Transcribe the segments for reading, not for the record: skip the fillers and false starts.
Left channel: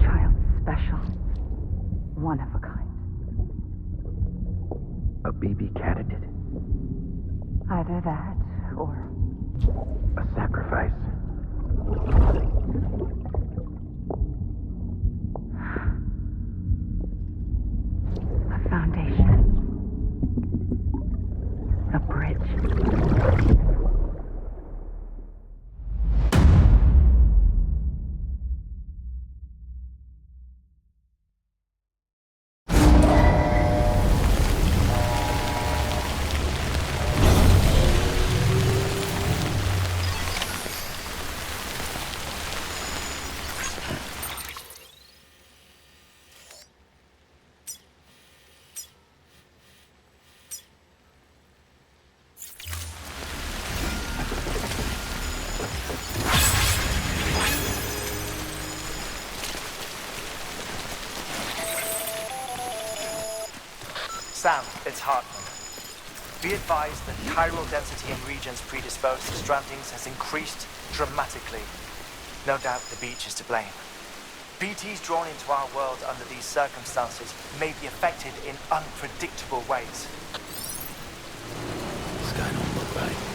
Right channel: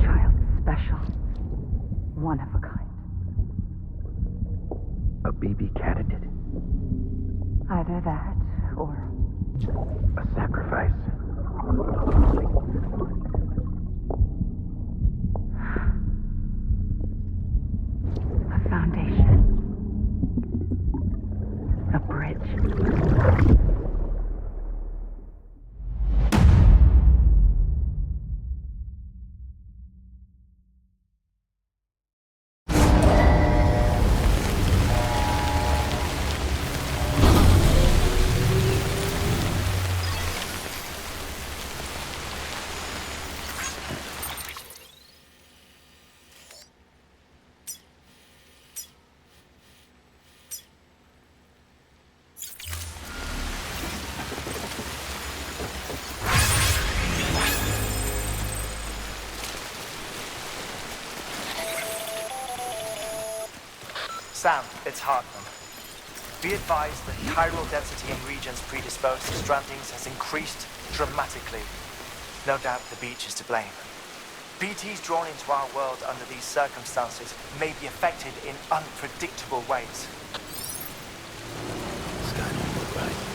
child's special. One of a kind. A baby candidate? Either that, or... a sacrifice. A foundation. A bridge. Sam, it's Hartman. Be advised that chiral density in regions predisposed to strandings has increased dramatically. No doubt the beach is to blame. BTs drawn into our world under these circumstances may be affected in unpredictable ways. This guy don't look right.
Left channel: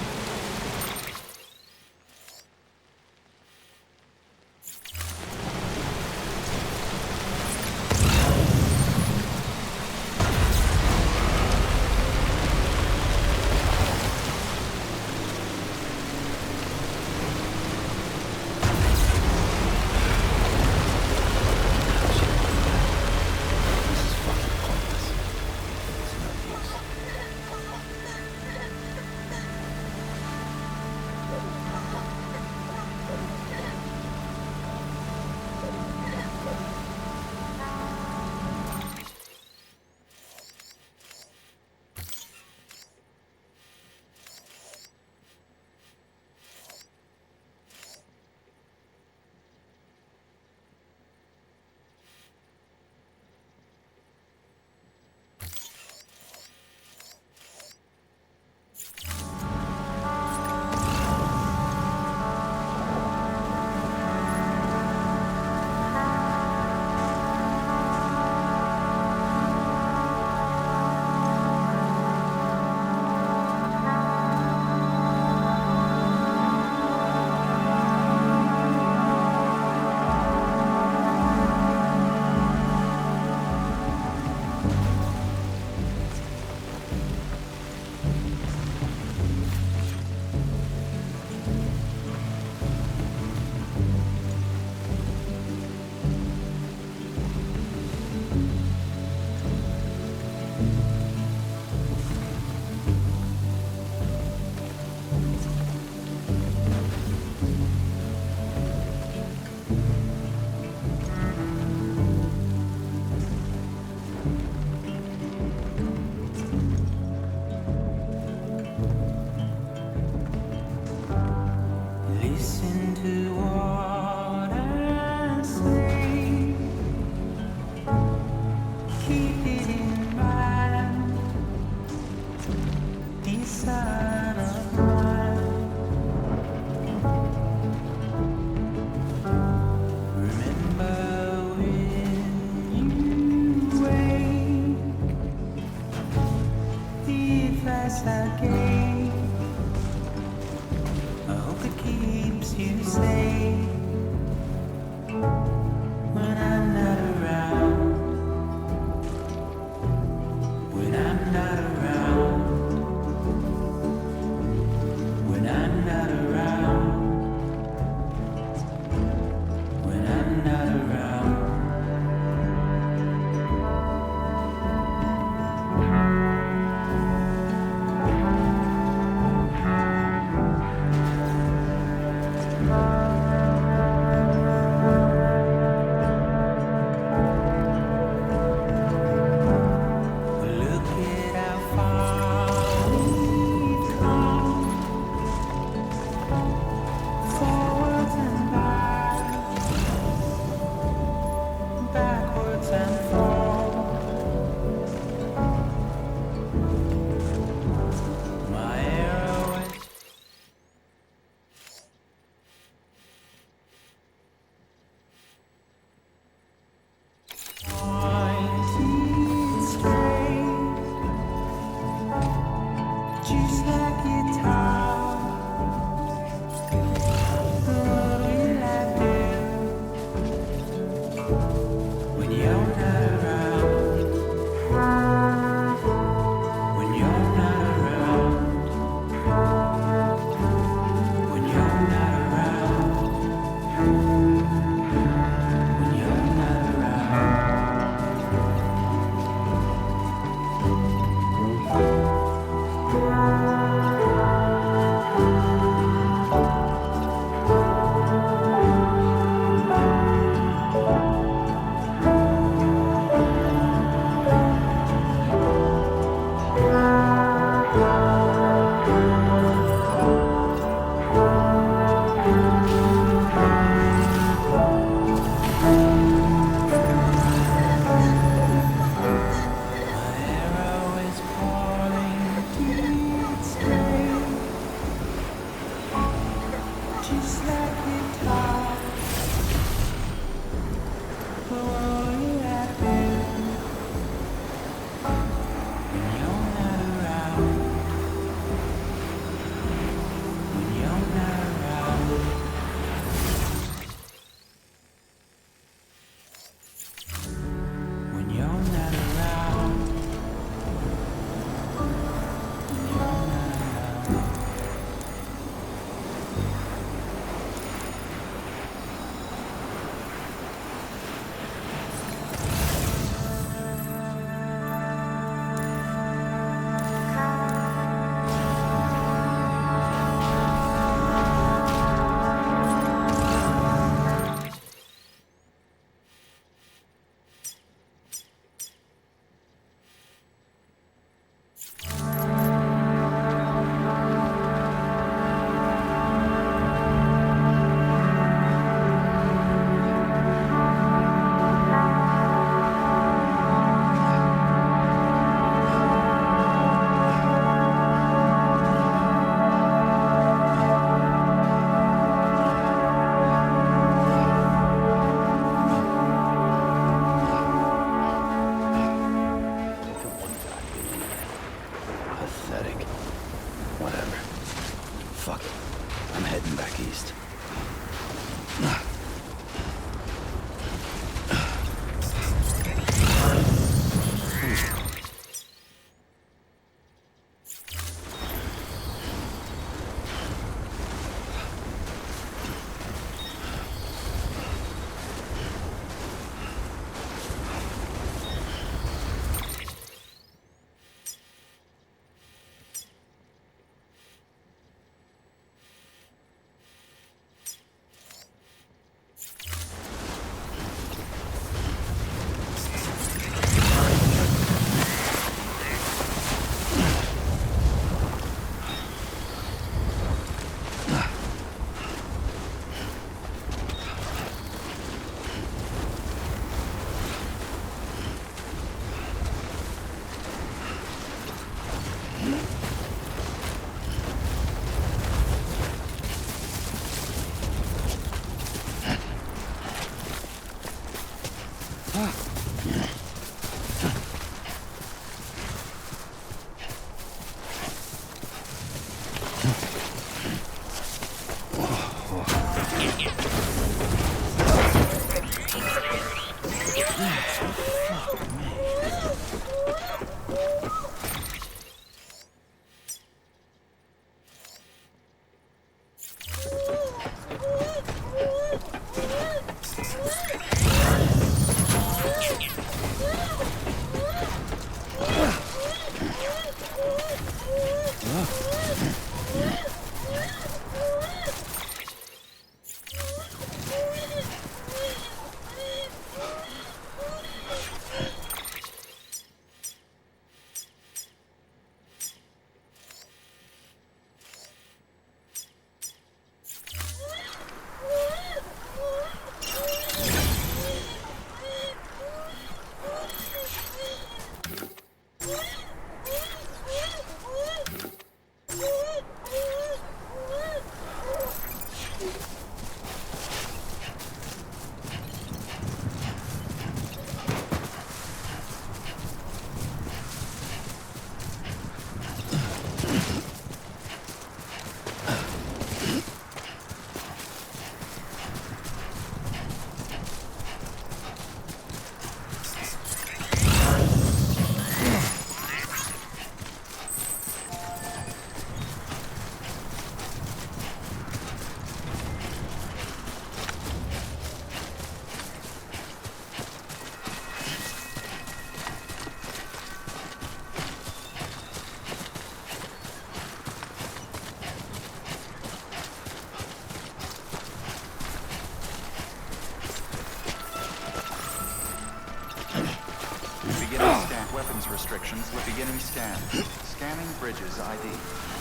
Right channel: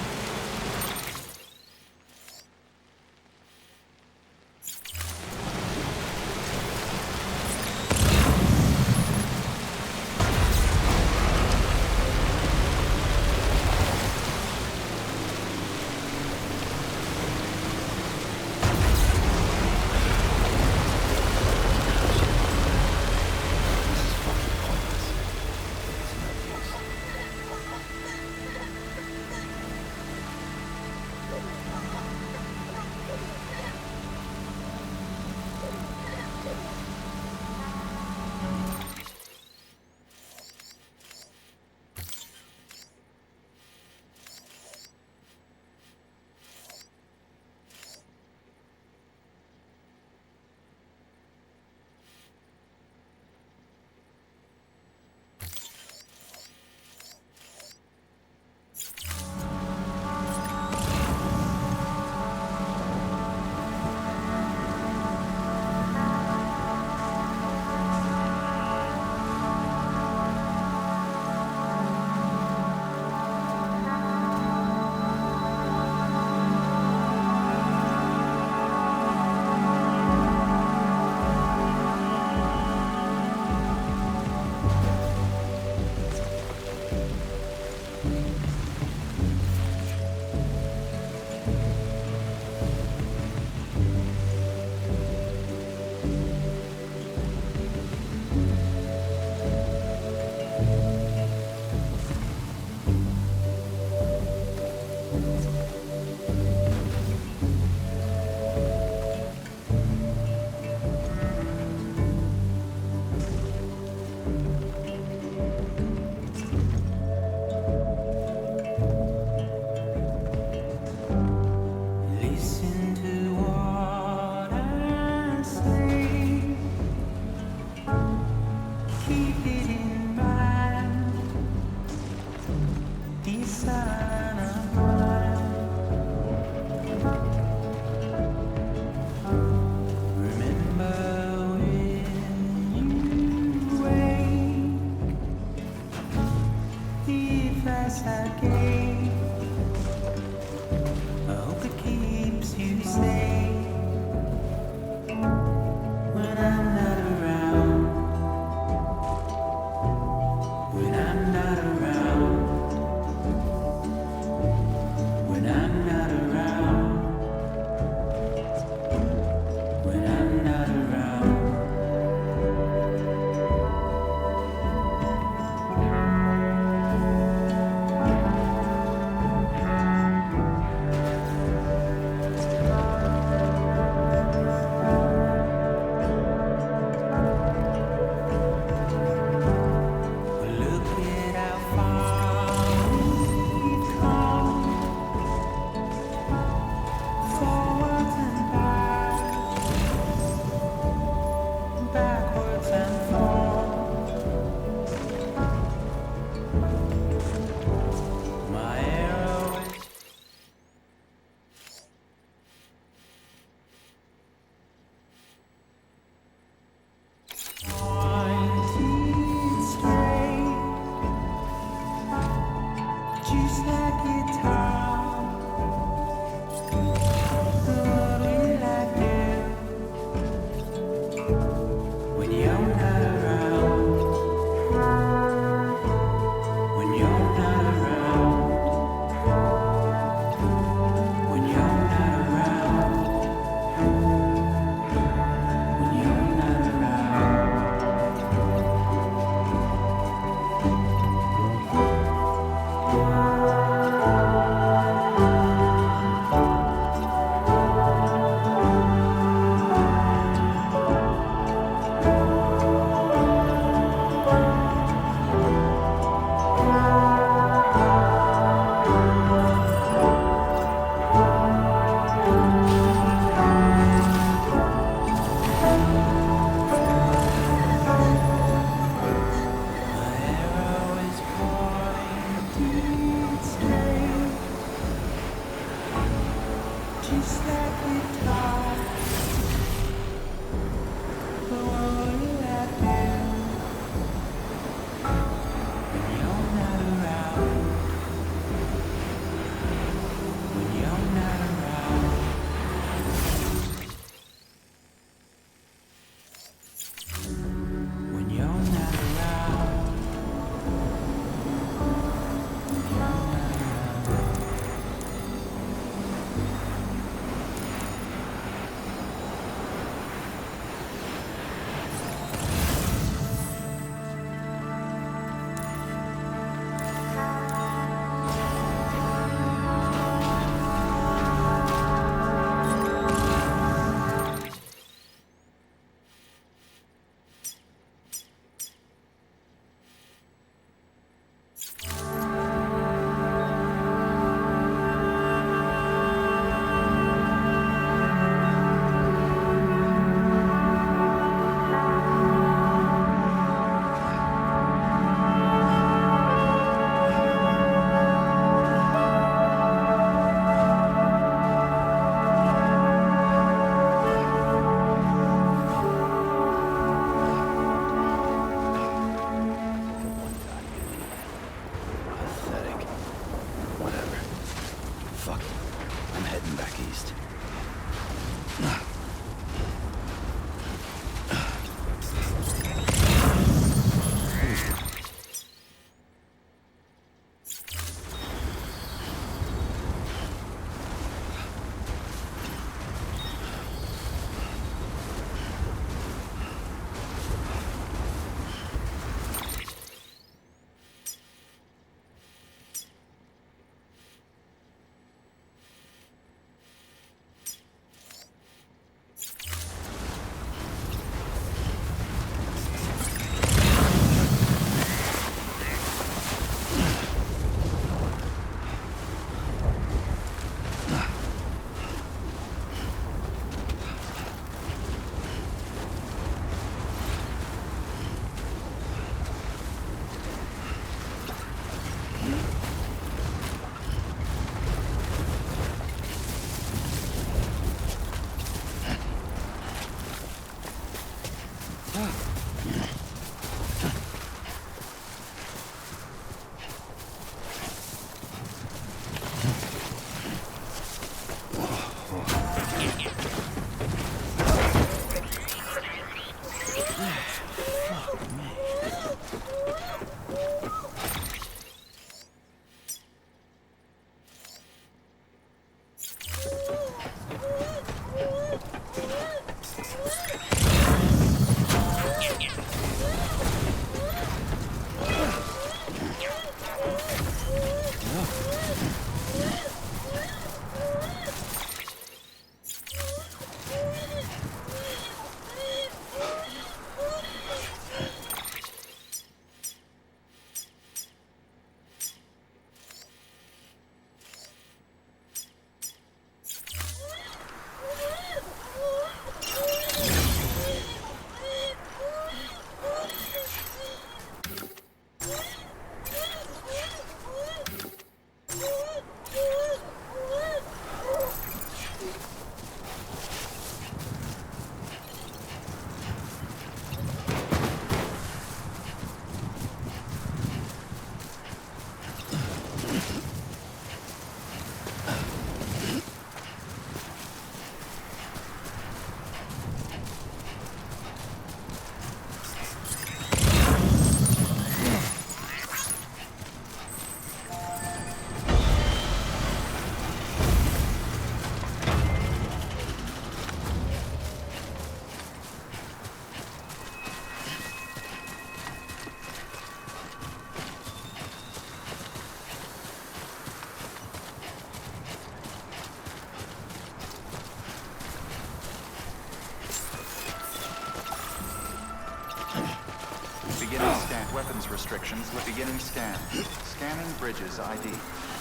Weapons restrictions with beginning scan. Scanning bridges ID.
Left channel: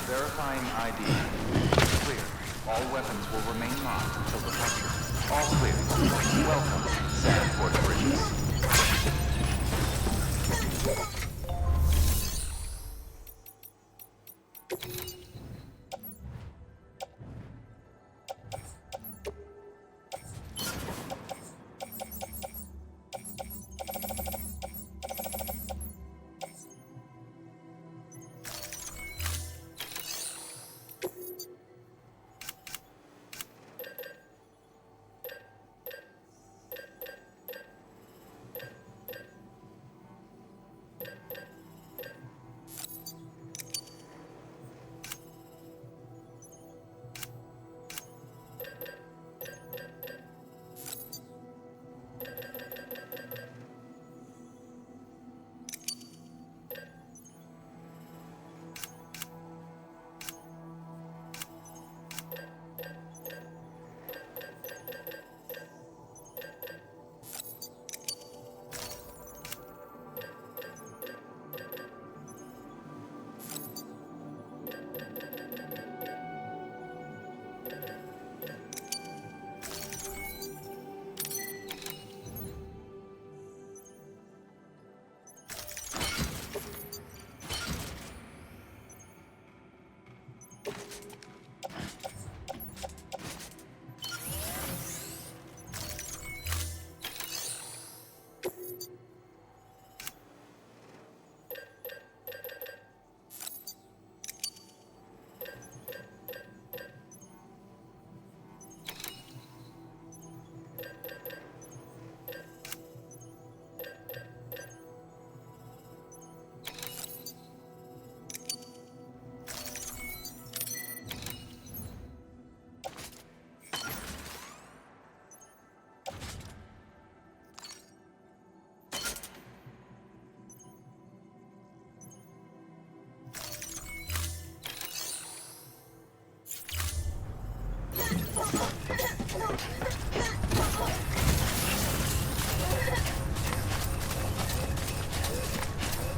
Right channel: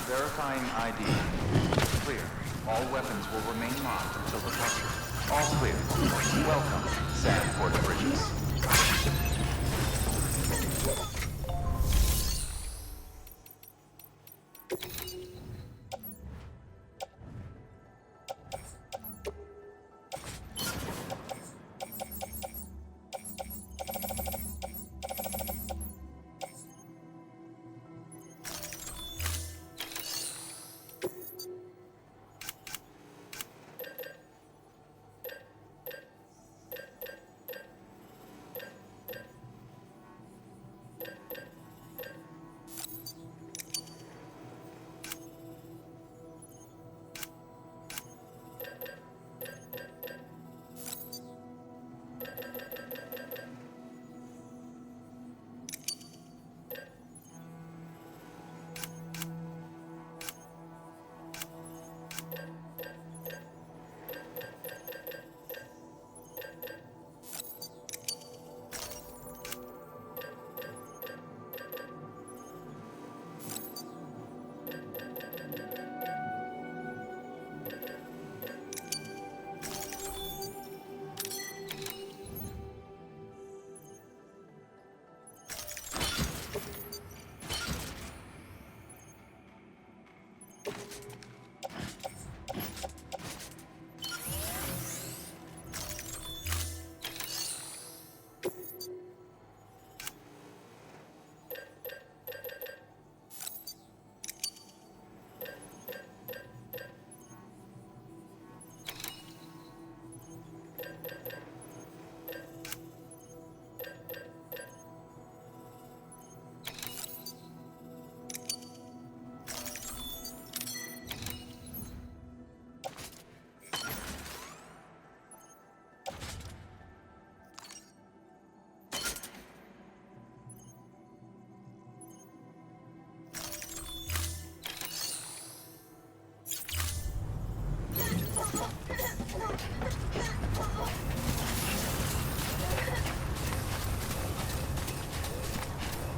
Verifying ID. Clear. All weapons will remain locked until departure. All clear. Welcome, Sandport Bridges.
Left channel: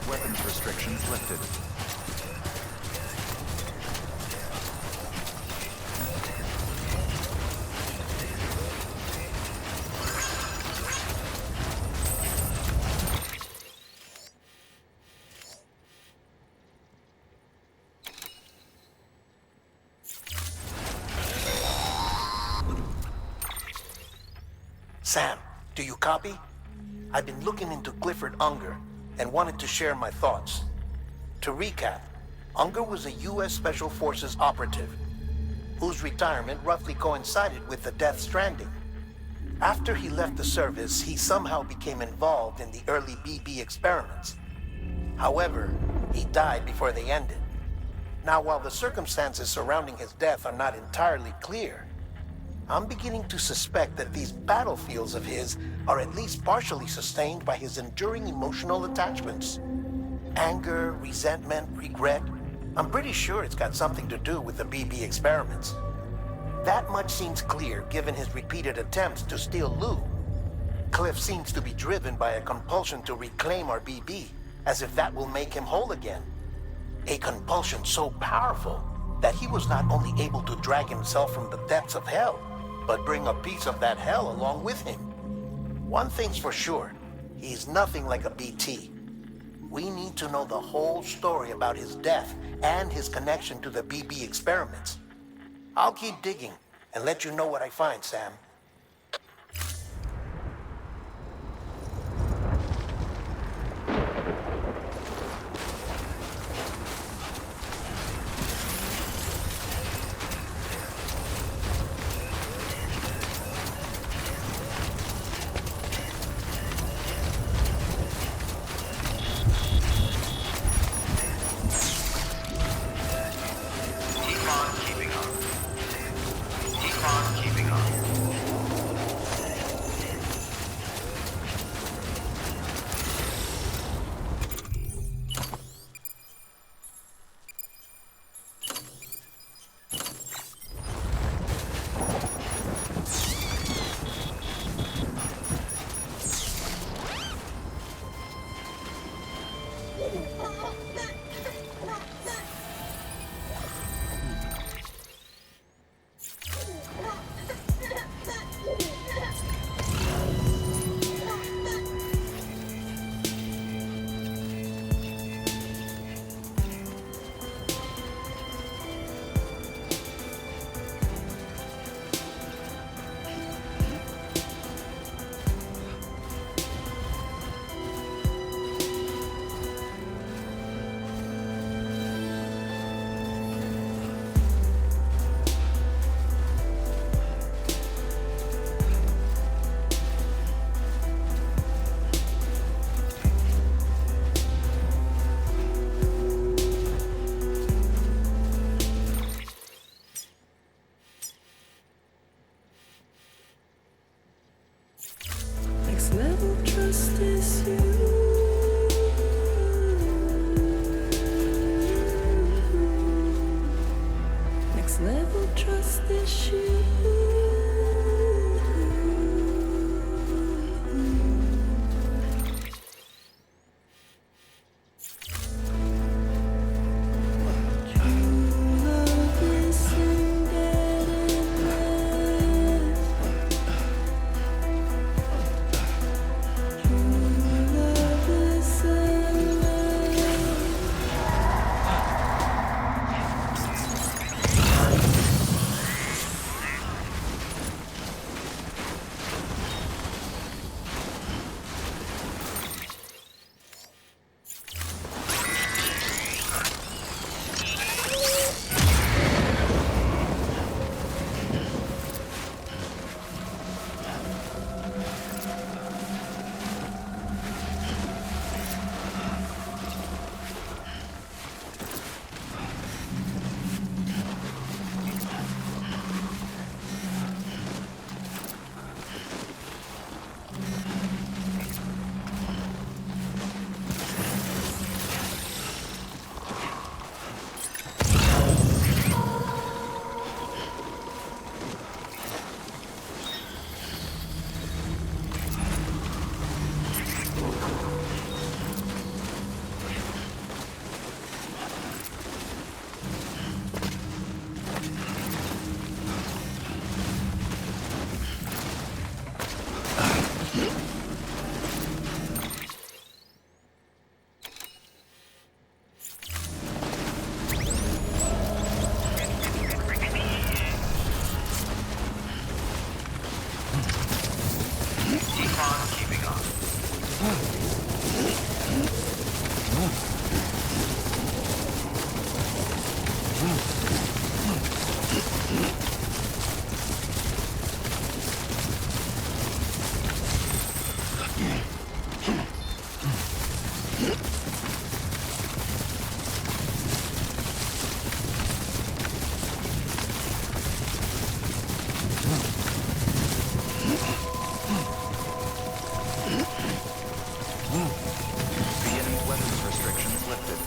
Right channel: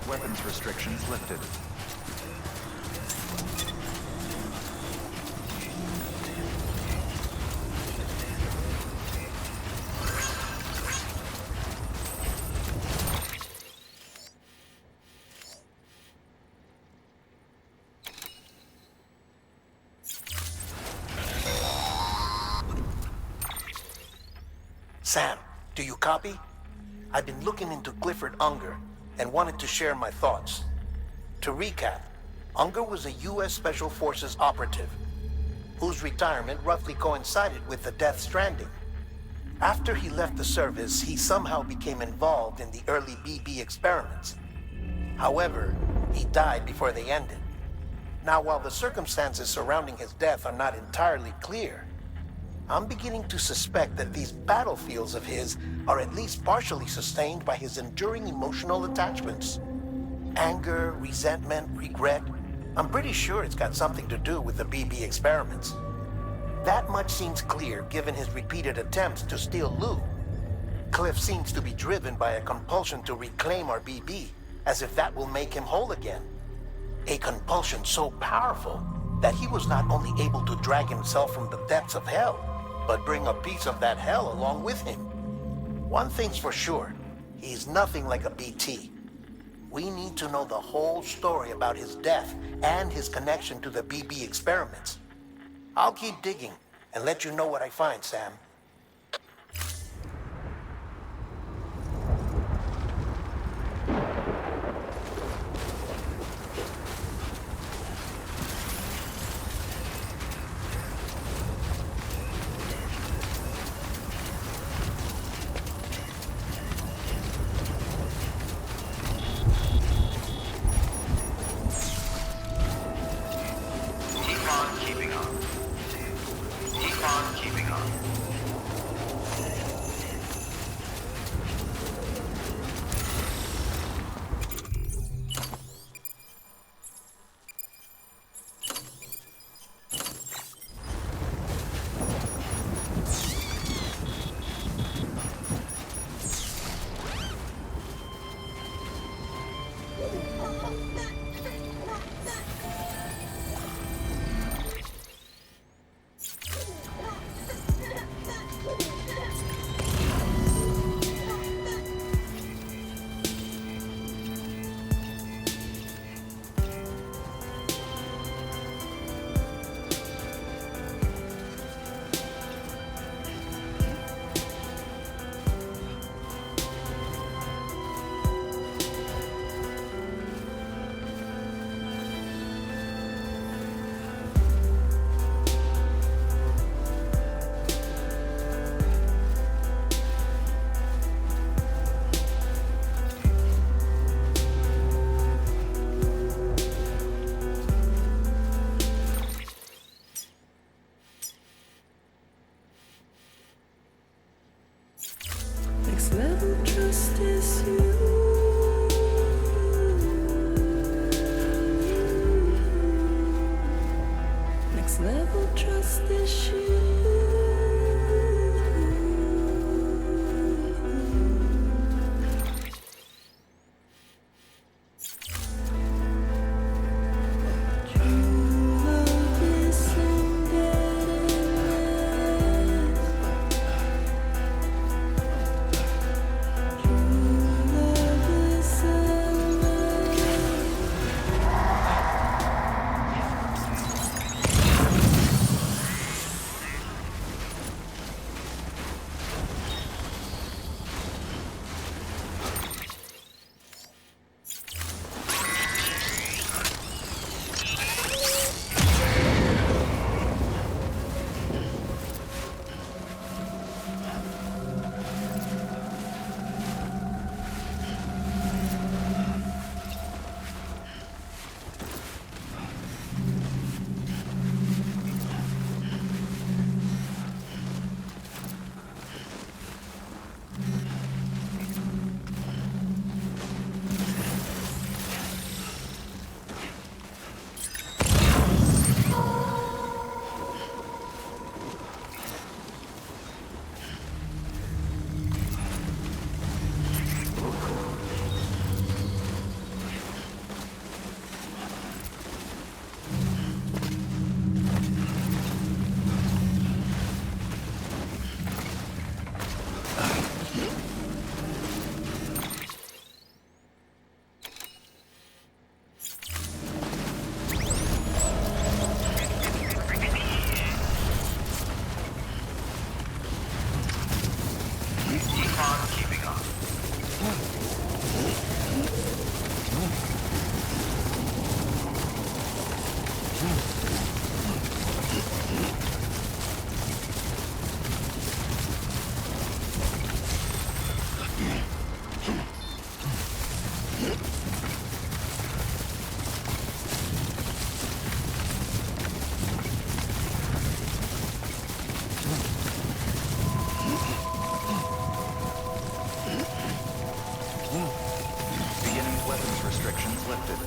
Weapons restrictions lifted. Sam, do you copy? I've been looking into Clifford Unger and wanted to share my thoughts. To recap, Unger was a U.S. Special Forces operative whose retirement roughly coincided with the Death Stranding. After he left the service, he somehow became involved in the early BB experiments. However, he died before they ended. Now, while the circumstances surrounding his death are not entirely clear, I'm beginning to suspect that these battlefields of his are at least partially sustained by his enduring emotional attachments. Anger, resentment, regret. I'm pretty sure it's got something to do with the BB experiments. That much seems clear given his repeated attempts to steal Lou. Cliff seems to be driven by a compulsion to reclaim our BB, as if that will make him whole again. A compulsion so powerful that he was not only able to drag himself from the depths of hell, but bring a piece of that hell along with him. One thing's for sure, he's nothing like a BT. We need to know the whole story about his death and his connection to the BB experiments. I'll keep digging and let you know what I find, Sam. Keep on keeping on. next level trust issue. Love is embeddedness. True love is The enemy's weapons restrictions lifted.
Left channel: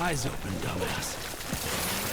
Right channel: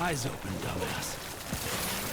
Eyes open, dumbass.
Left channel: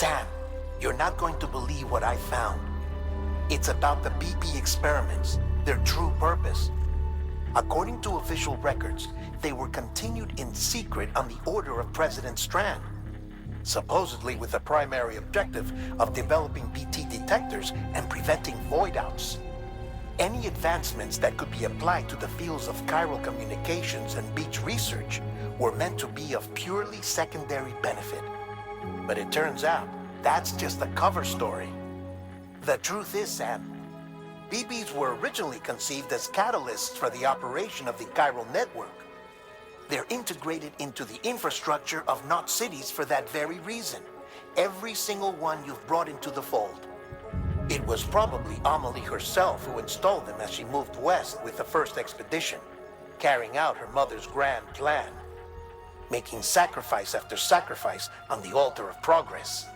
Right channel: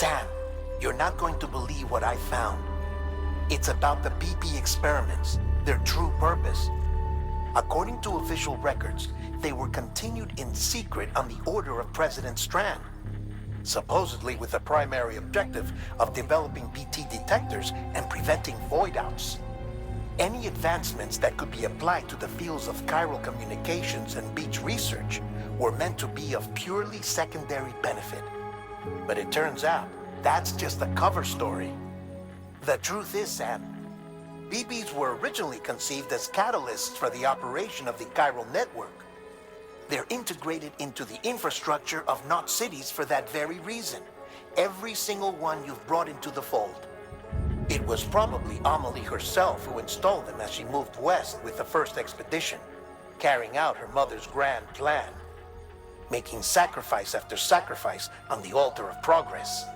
Sam, you're not going to believe what I found. It's about the BP experiments, their true purpose. According to official records, they were continued in secret on the order of President Strand, supposedly with the primary objective of developing BT detectors and preventing void-outs. Any advancements that could be applied to the fields of chiral communications and beach research were meant to be of purely secondary benefit. But it turns out, that's just a cover story. The truth is, Sam, BBs were originally conceived as catalysts for the operation of the chiral network. They're integrated into the infrastructure of Knot cities for that very reason. Every single one you've brought into the fold. It was probably Amelie herself who installed them as she moved west with the first expedition, carrying out her mother's grand plan, making sacrifice after sacrifice on the altar of progress.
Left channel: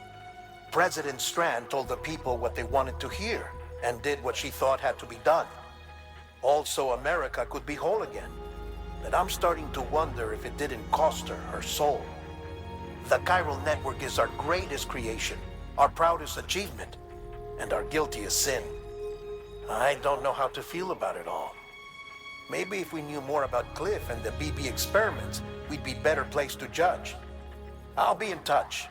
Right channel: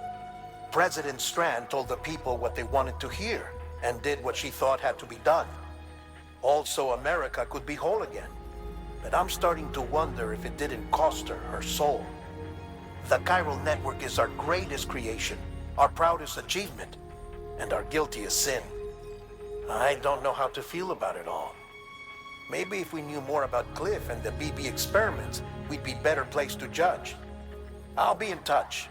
President Strand told the people what they wanted to hear and did what she thought had to be done. Also, America could be whole again. But I'm starting to wonder if it didn't cost her her soul. The chiral network is our greatest creation, our proudest achievement, and our guiltiest sin. I don't know how to feel about it all. Maybe if we knew more about Cliff and the BB experiments, we'd be better placed to judge. I'll be in touch.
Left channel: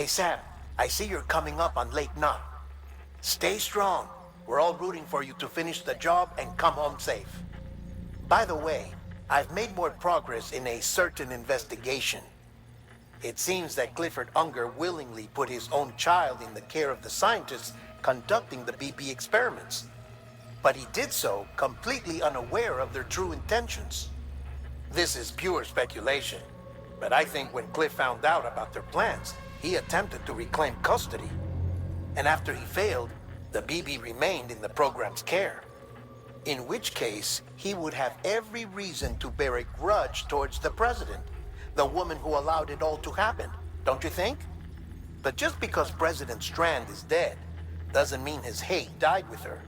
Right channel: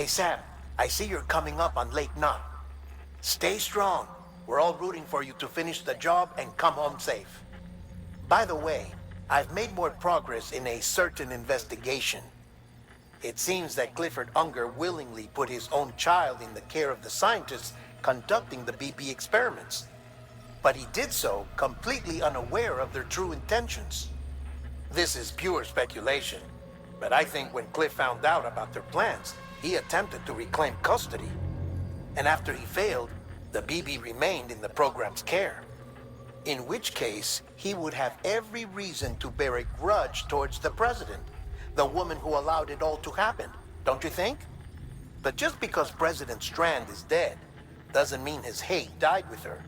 Hey Sam, I see you're coming up on Lake Knot. Stay strong. We're all rooting for you to finish the job and come home safe. By the way, I've made more progress in a certain investigation. It seems that Clifford Unger willingly put his own child in the care of the scientists conducting the BP experiments. But he did so completely unaware of their true intentions. This is pure speculation, but I think when Cliff found out about their plans, he attempted to reclaim custody. And after he failed, the BB remained in the program's care. In which case, he would have every reason to bear a grudge towards the president, the woman who allowed it all to happen, don't you think? But just because President Strand is dead, doesn't mean his hate died with her.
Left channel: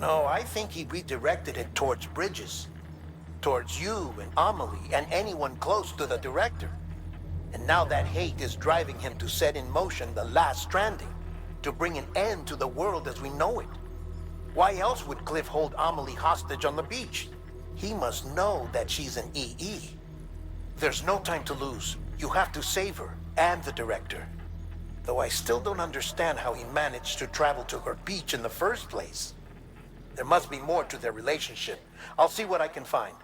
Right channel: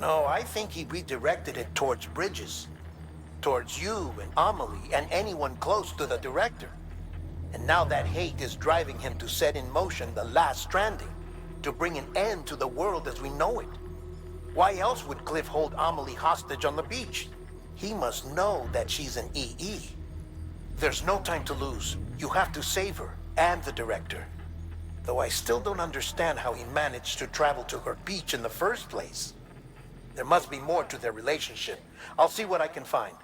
No, I think he redirected it towards Bridges. Towards you and Amelie and anyone close to the director. And now that hate is driving him to set in motion the last stranding, to bring an end to the world as we know it. Why else would Cliff hold Amelie hostage on the beach? He must know that she's an EE. There's no time to lose. You have to save her and the director. Though I still don't understand how he managed to travel to her beach in the first place. There must be more to their relationship. I'll see what I can find.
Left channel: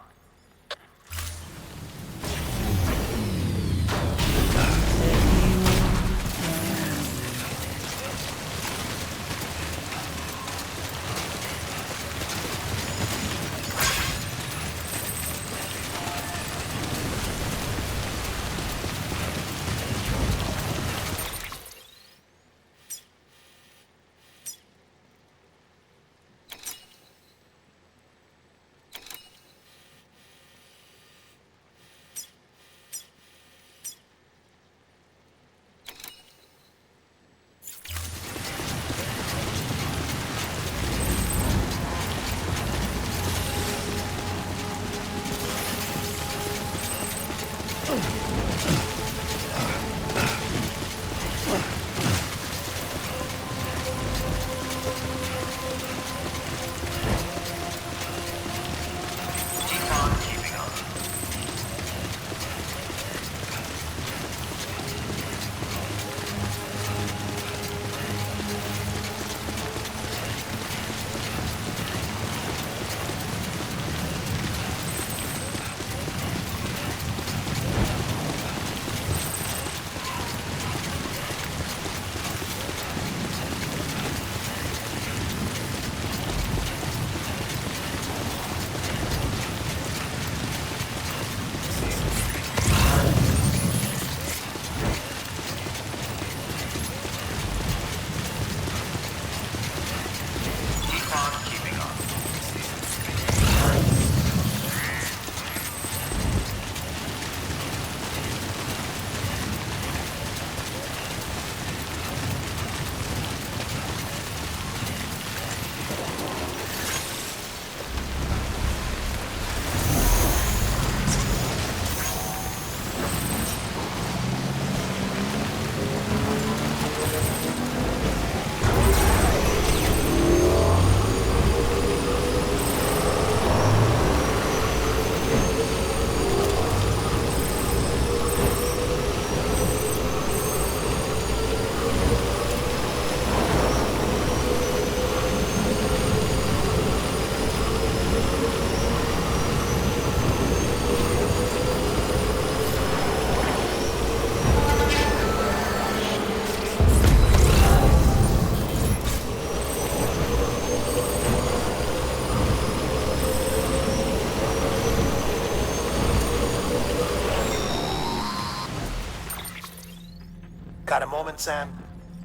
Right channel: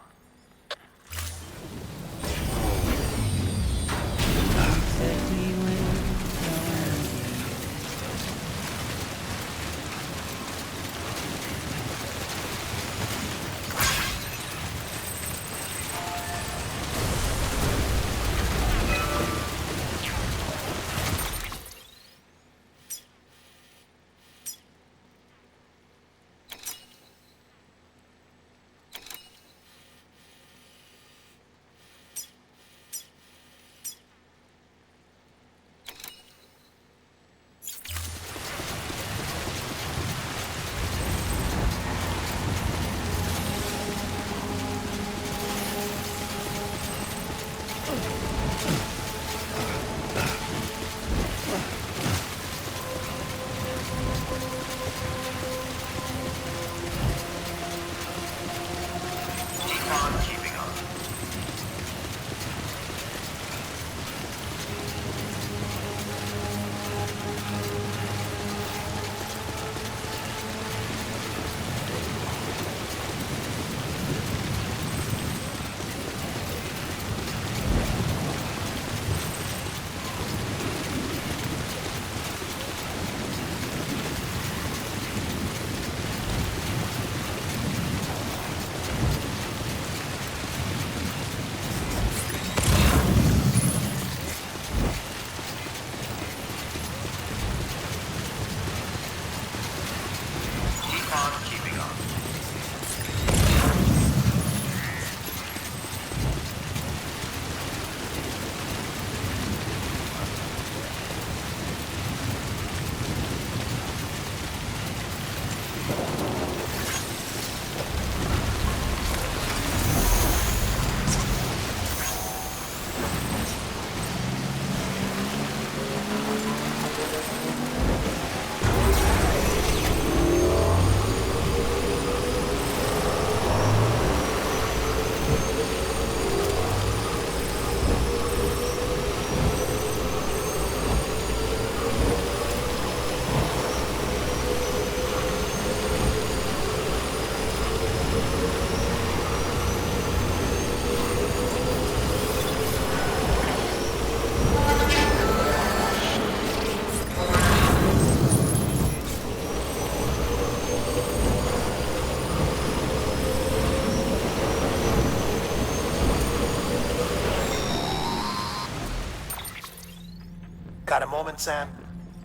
Got a moment, Sam?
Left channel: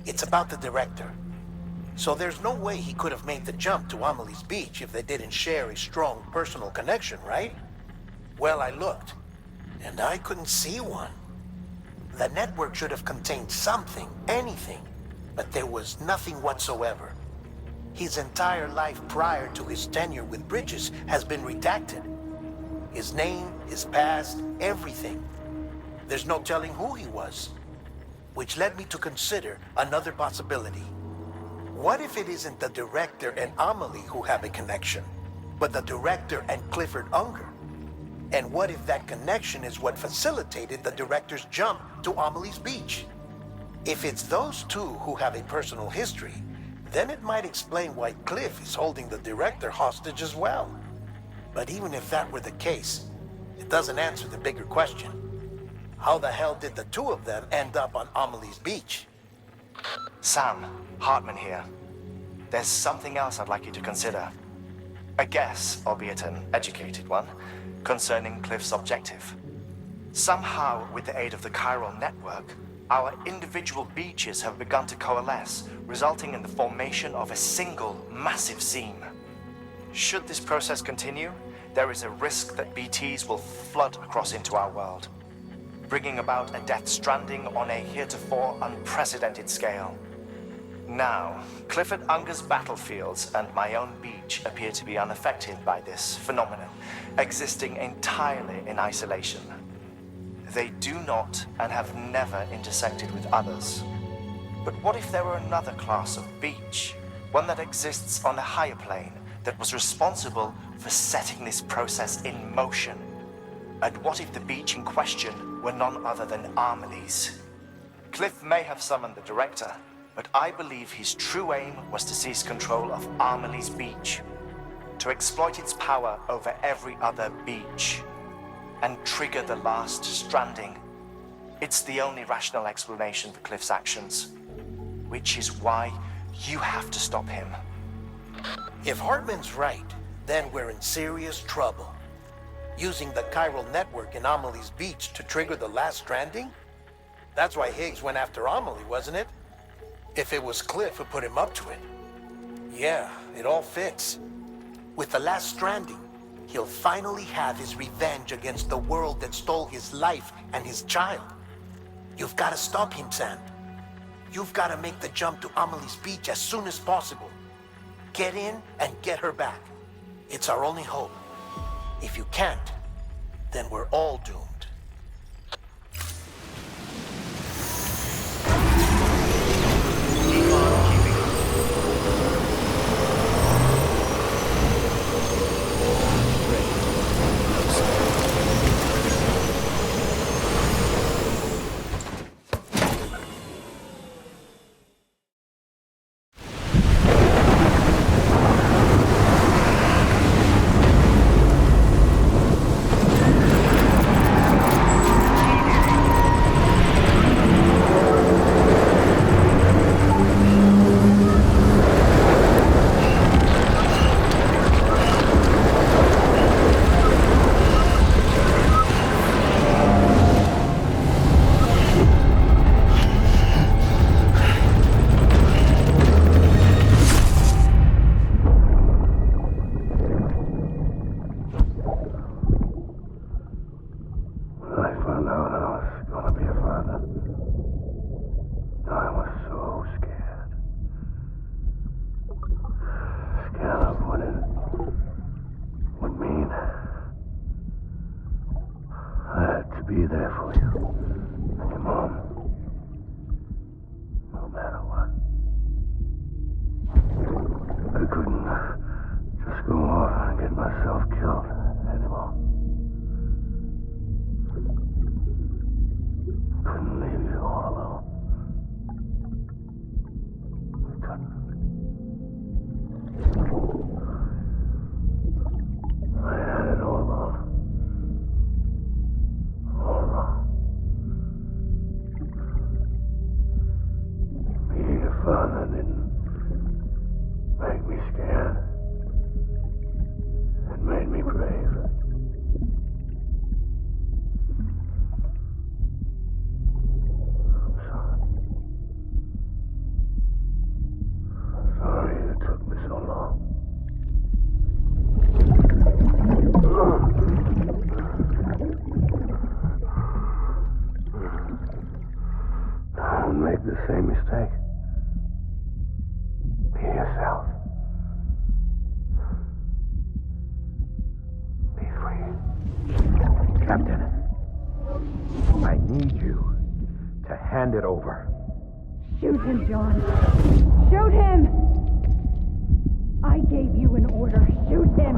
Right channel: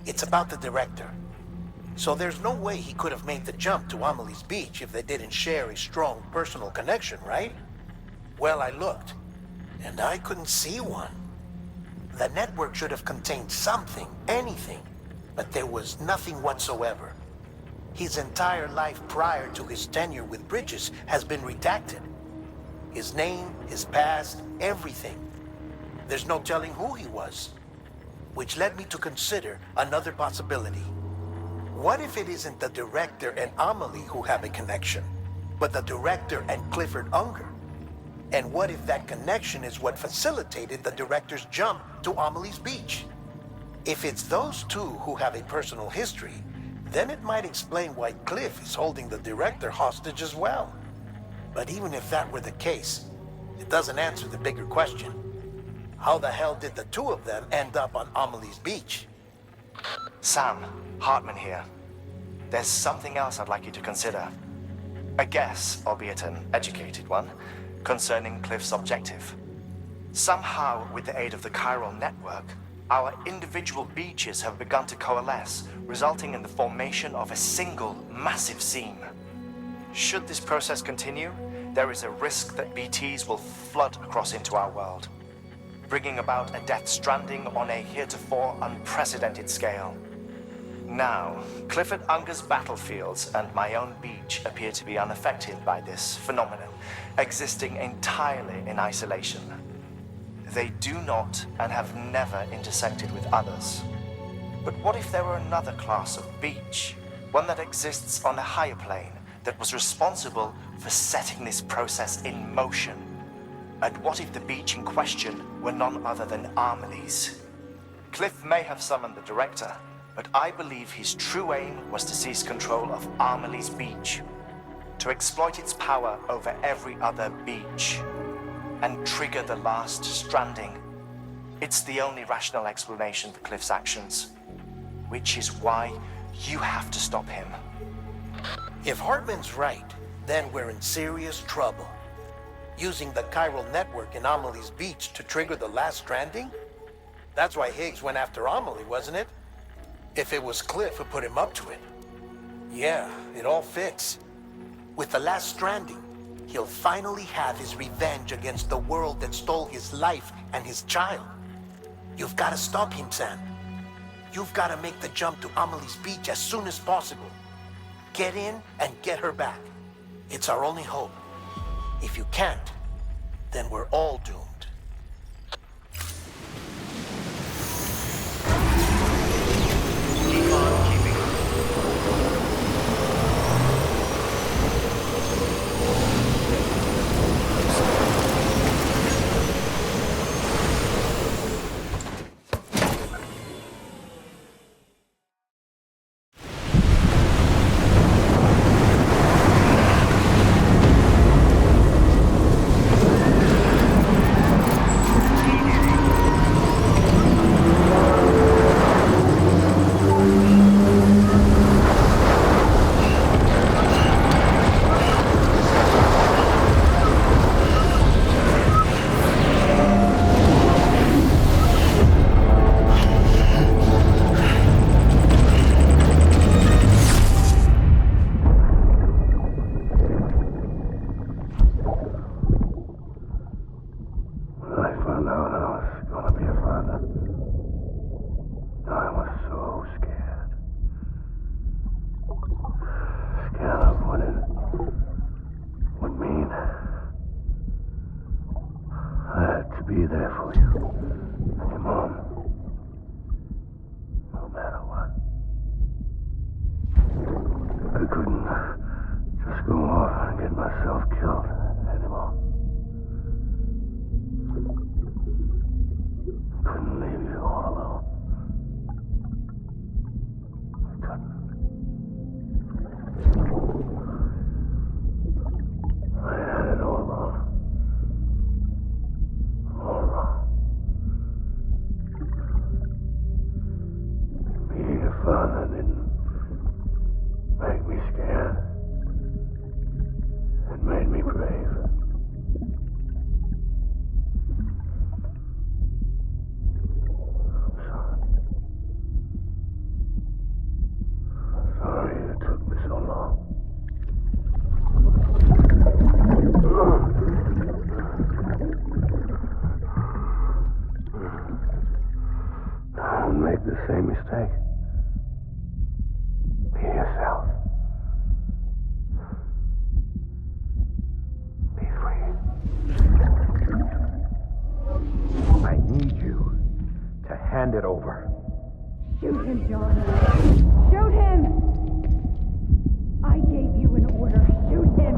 It's about the director. So there's no way he could have made the jump to Amelie's beach if they didn't share a strong personal connection, right? Well, I looked, and I couldn't see one. The network should have contained something, anything, but there was nothing whatsoever. His entire life prior to his tenure with Bridges has been redacted. His name, his past, everything. There's no telling who he was. Which led me to consider another possibility. What if it isn't the director and Amelie who have a connection, but the director and Clifford Unger? And what if that connection is what facilitated the director's jump to Amelie's beach? If it's those two who have a personal history, then it might explain why Cliff is holding the director hostage as well. But even if that were the case, it doesn't answer the bigger question. How the hell did the two of them end up on Amelie's beach? Sam, Hartman here. There's something else I'd like you to consider. A guess, albeit an educated one, concerning Cliff's objective. Somehow, with the aid of the chiral network, our individual beaches have begun to coalesce, resulting in the formation of a single massive seam. Should this process continue, there is a risk that BTs will flood across into our world, bringing about a Death Stranding on a heretofore unprecedented scale. Now, Clifford Unger's battlefields and my own beach appear to be unaffected by this phenomenon, existing entirely in isolation. They do not and have never intersected with others. But what if there were another class of beach, one that exists on a higher plane, that was responsible for setting this process in motion? And what if the beach in question were none other than Amelie's? Cliff may have summoned the director, but I believe his true aim was to seize control of Amelie's beach, to exploit its power over every other beach, and trigger the last stranding. It's the only rational explanation for Cliff's actions, which is why you have to stop him. If Hartman's right, then we're in serious trouble. Using the chiral network in Amelie's beach to trigger the last stranding? That's why Higgs went after Amelie, wasn't it? If it was Cliff who put him up to it. Yeah, it all fits. With the last stranding, he'll finally have his revenge against the world that stole his life and his child. You've got to stop him, Sam. You've got to make the jump to Amelie's beach as soon as possible. Get in and get her back. It's our only hope. If you can't, then we're all doomed. Keep on keeping on. Be there for you and your mom, no matter what. I couldn't just go off and get myself killed anymore. Couldn't leave you all alone. I couldn't. I had it all wrong. All wrong. Being a father didn't make me scared. It made me brave. I'm sorry. I'm sorry it took me so long. Don't make the same mistake. Be yourself. Be free. Captain, I need you to hand it over. Shoot him, John. Shoot him! I gave you an order. Shoot him!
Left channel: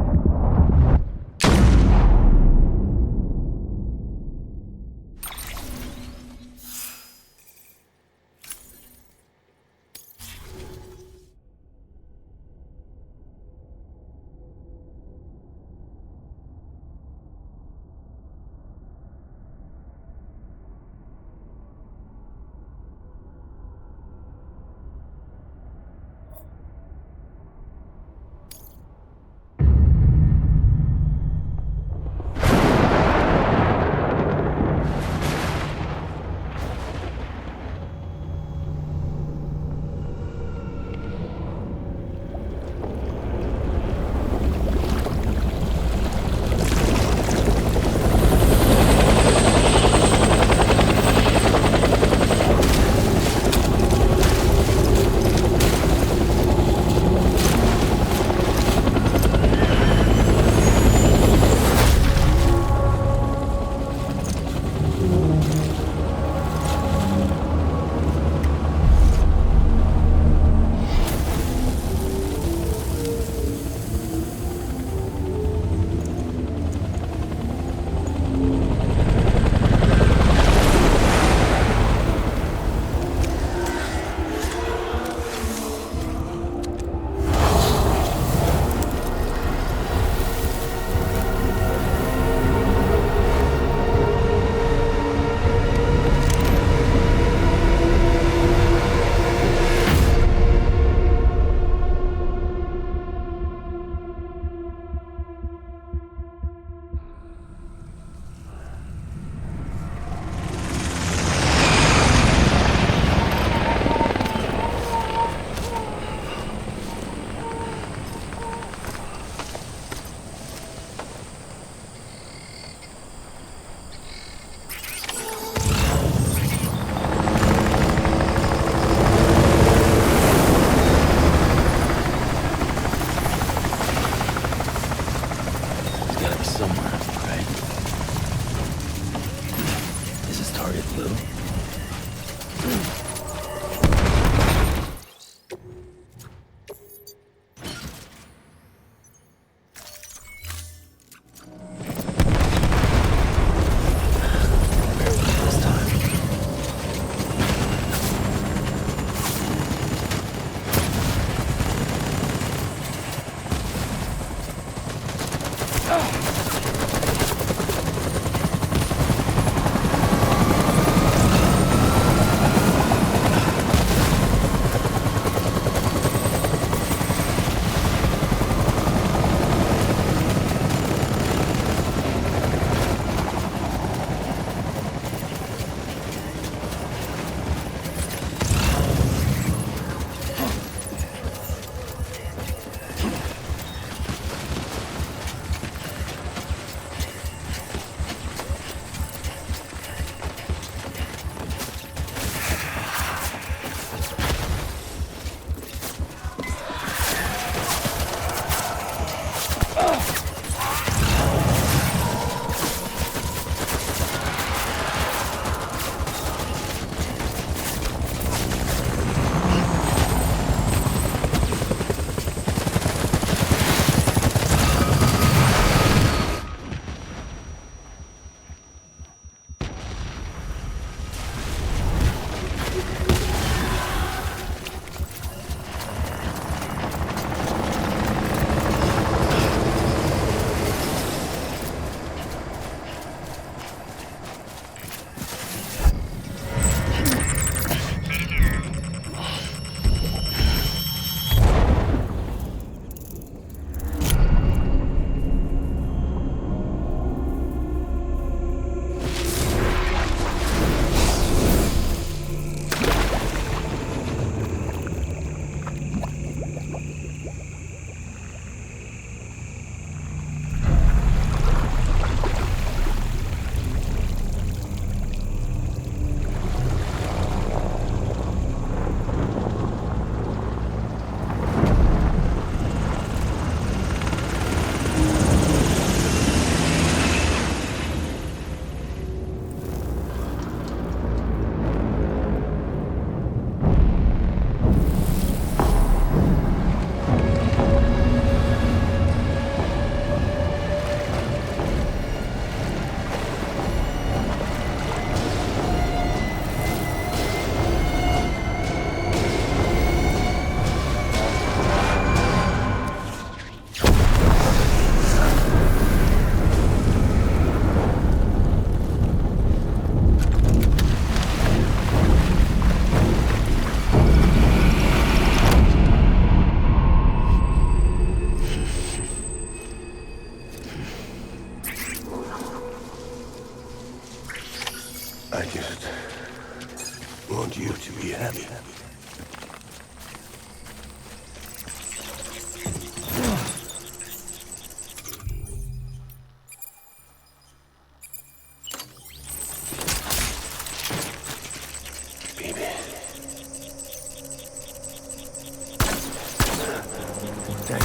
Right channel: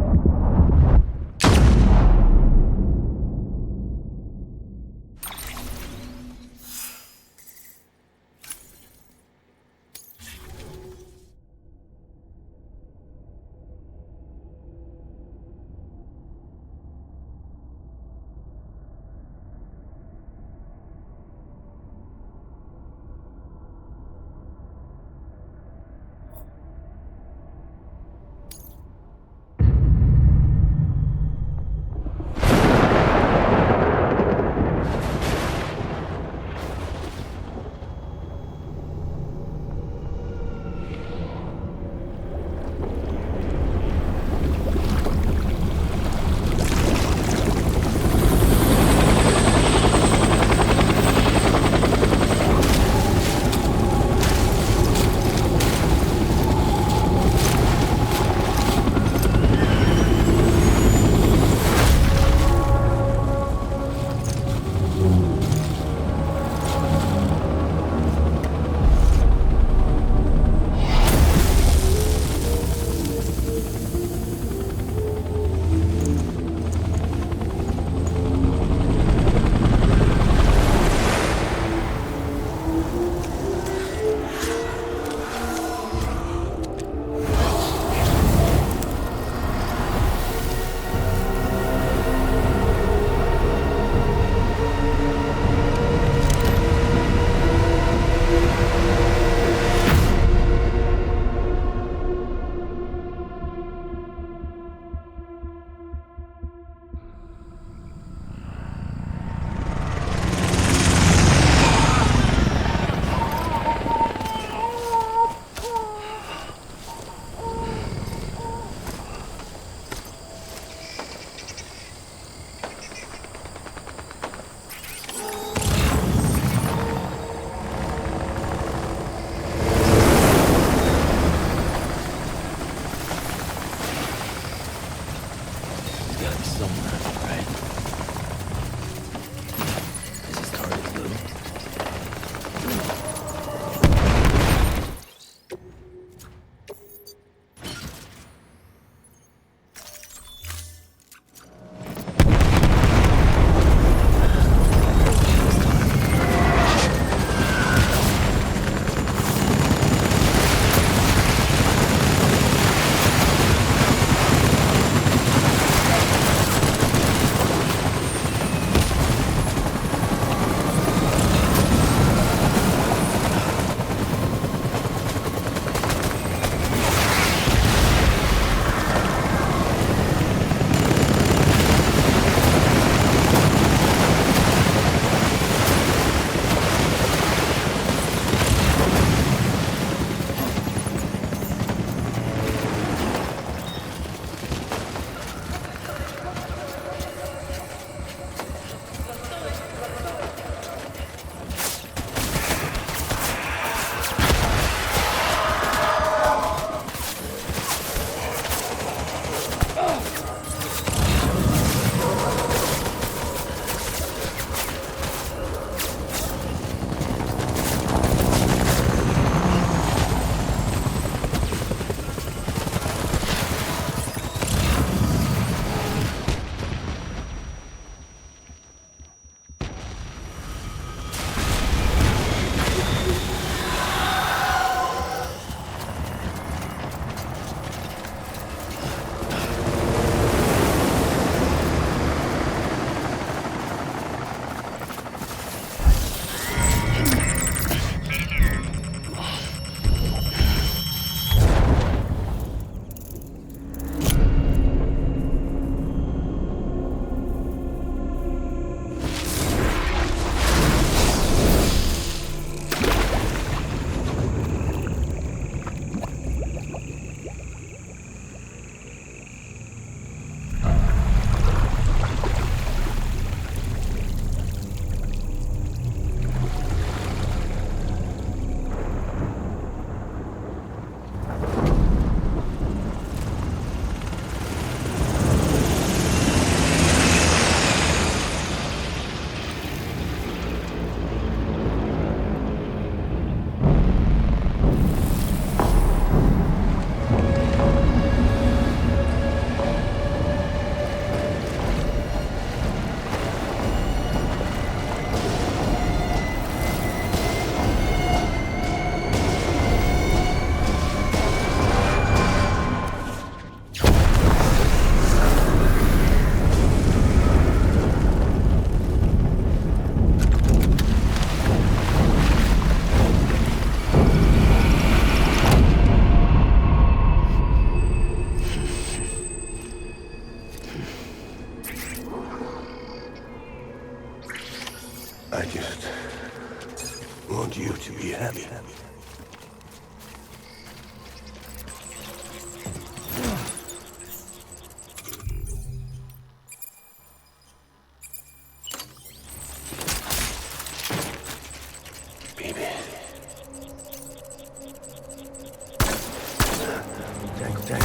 Open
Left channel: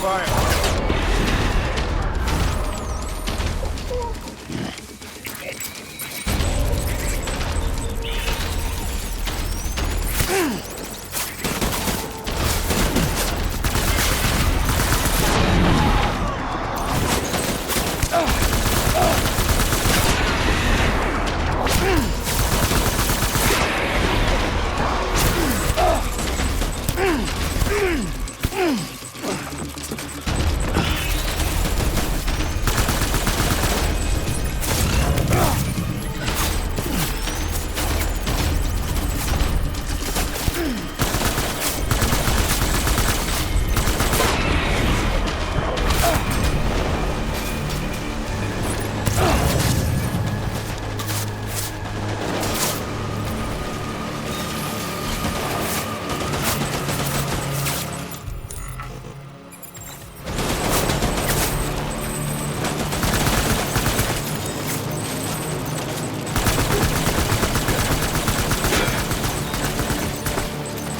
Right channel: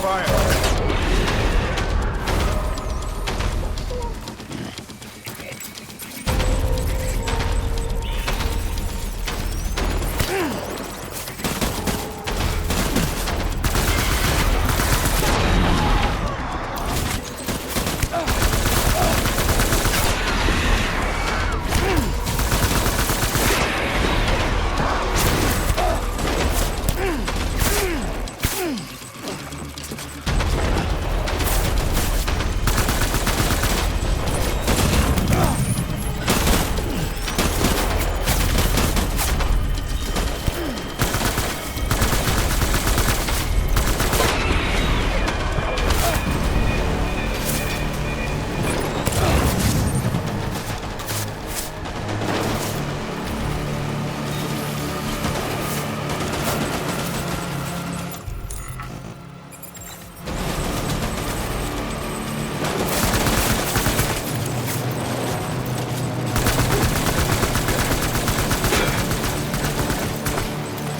fire.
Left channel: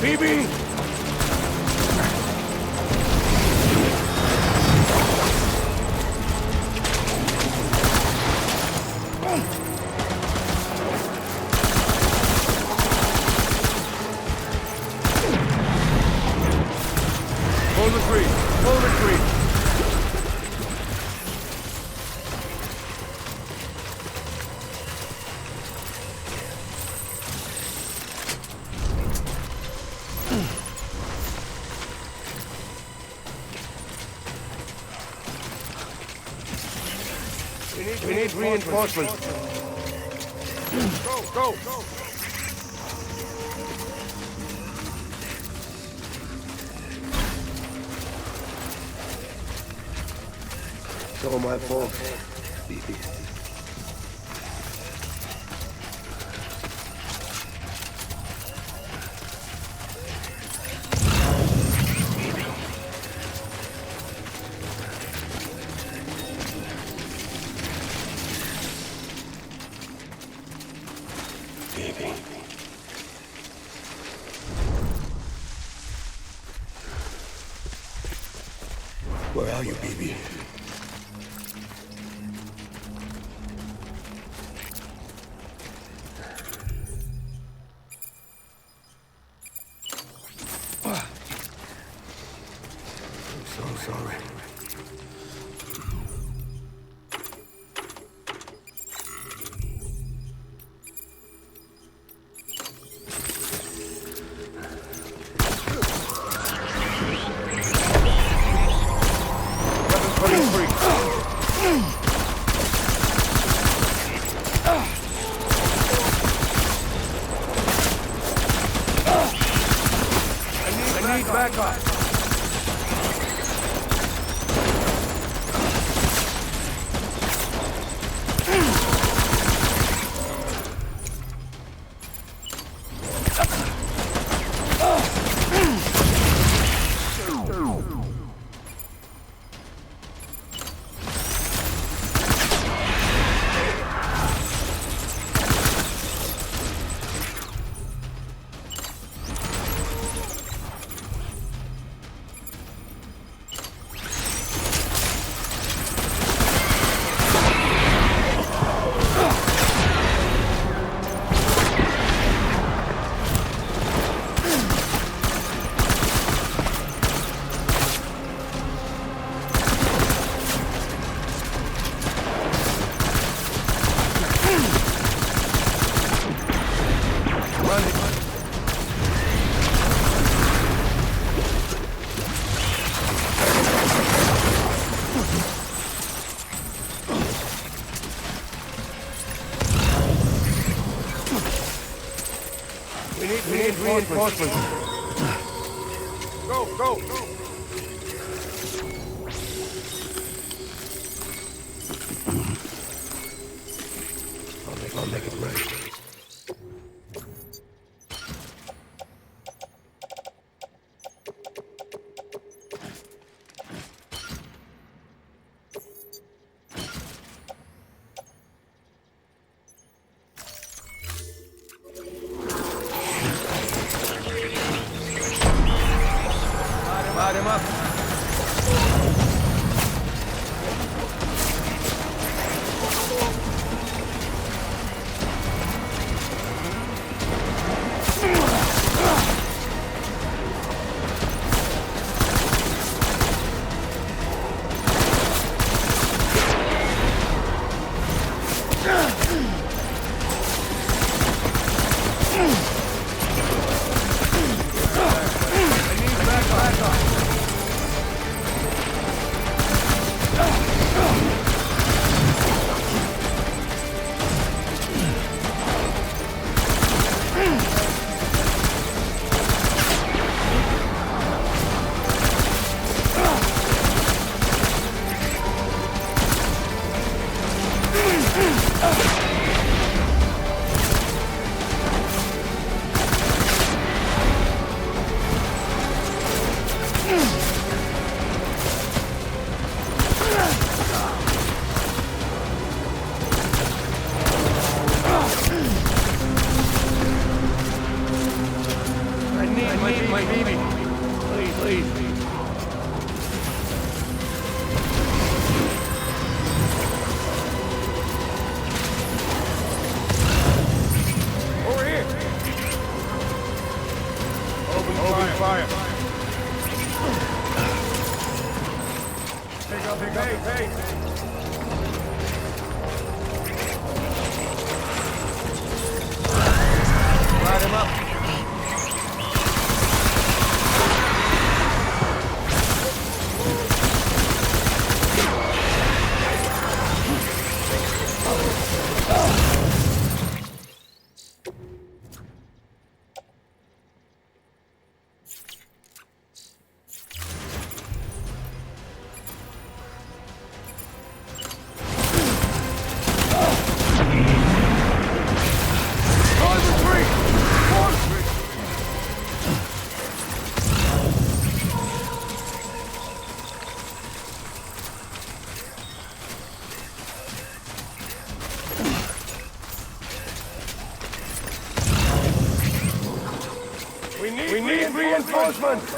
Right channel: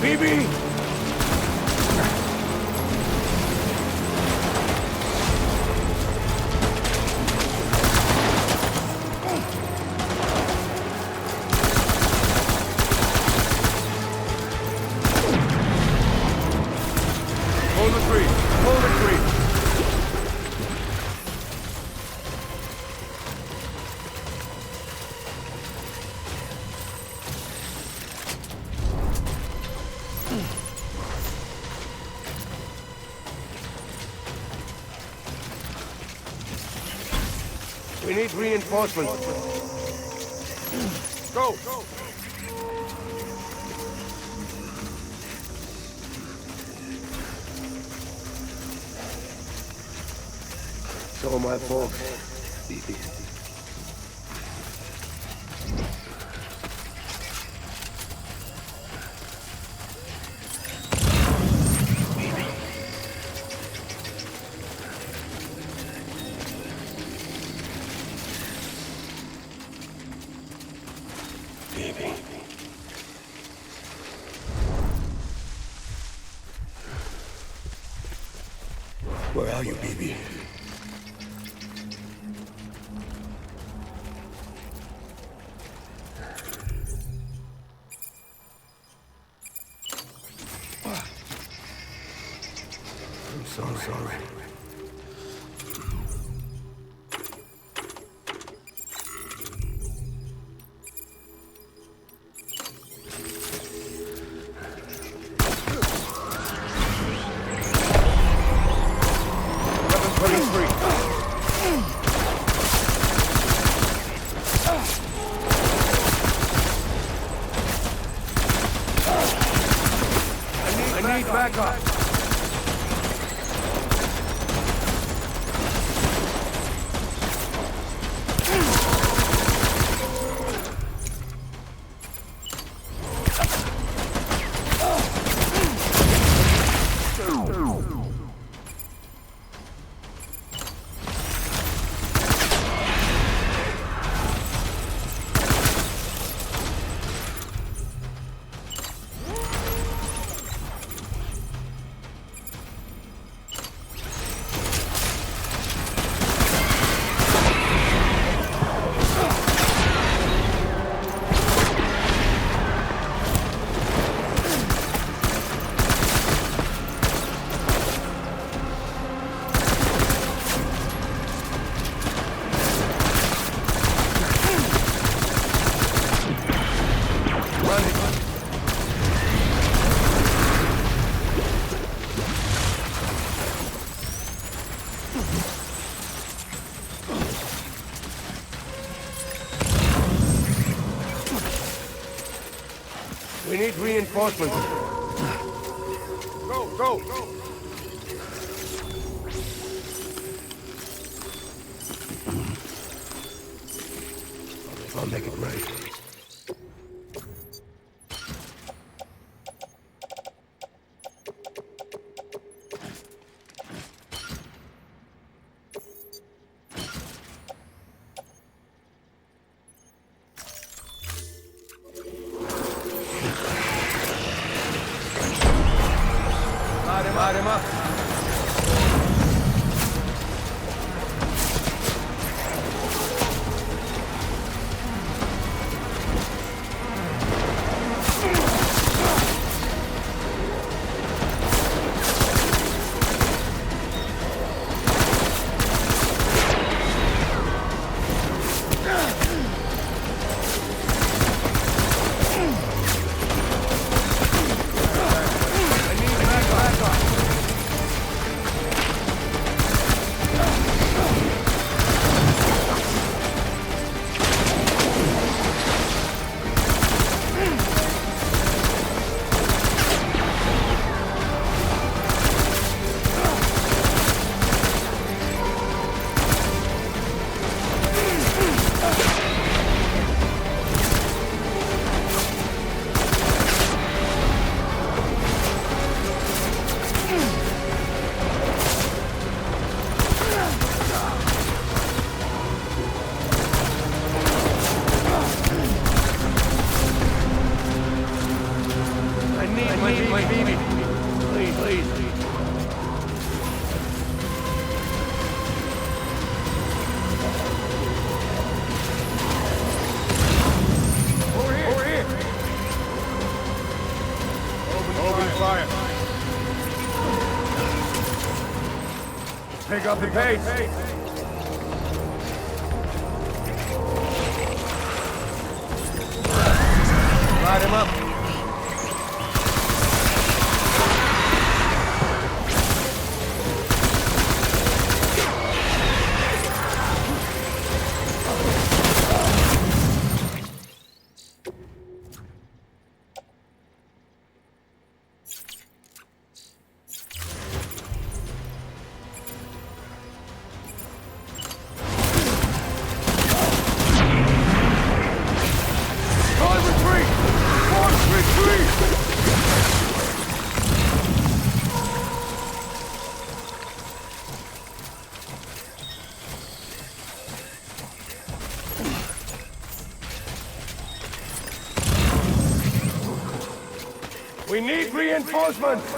BB! Hold the tree! Hold the tree! We need reinforcements. Go! It's all my fault, BB. Baby. Where are you, baby? I'm so sorry. I need backup. We need reinforcements. Go, go, go! I'll make it right. Light him up. My baby. Please. Over here. Open fire. Pick up the pace. Light him up. We need reinforcements!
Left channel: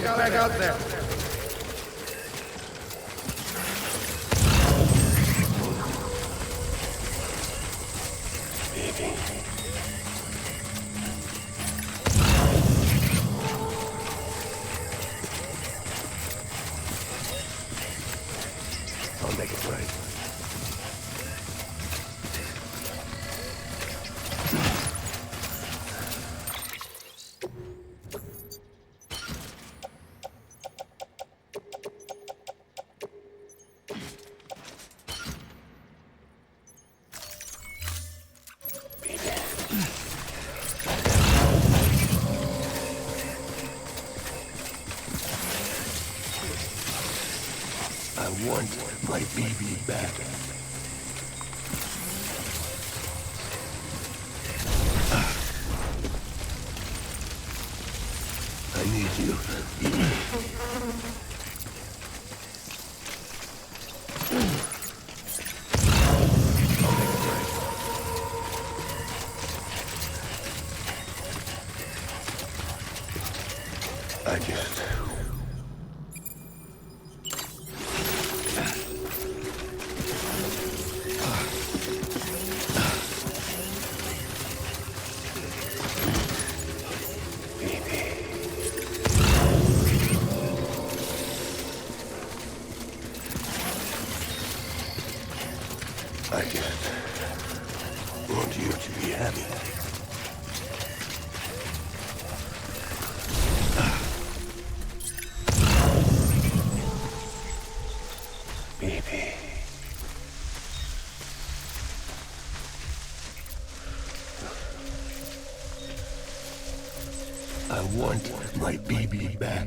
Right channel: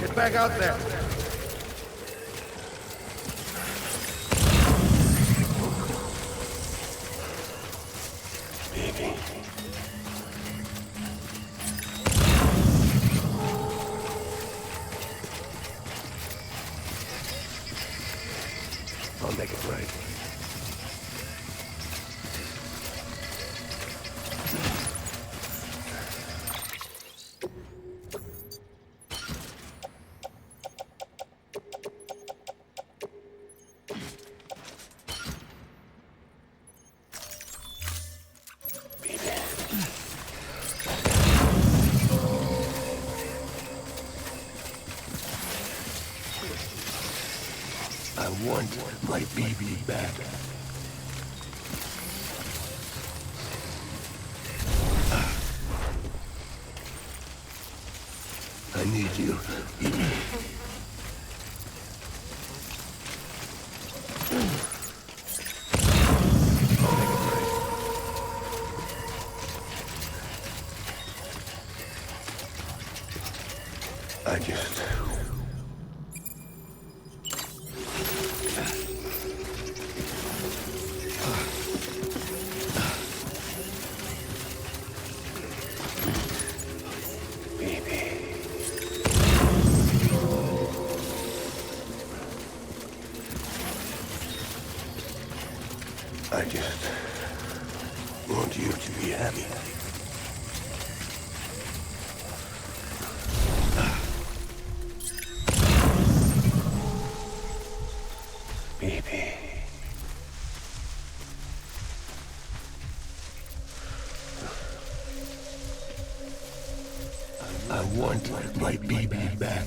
Get back out there. Baby. I'll make it right. I want my baby back. I need you. I'll make it right. I just... I just want you to be happy. Baby. I want my baby back.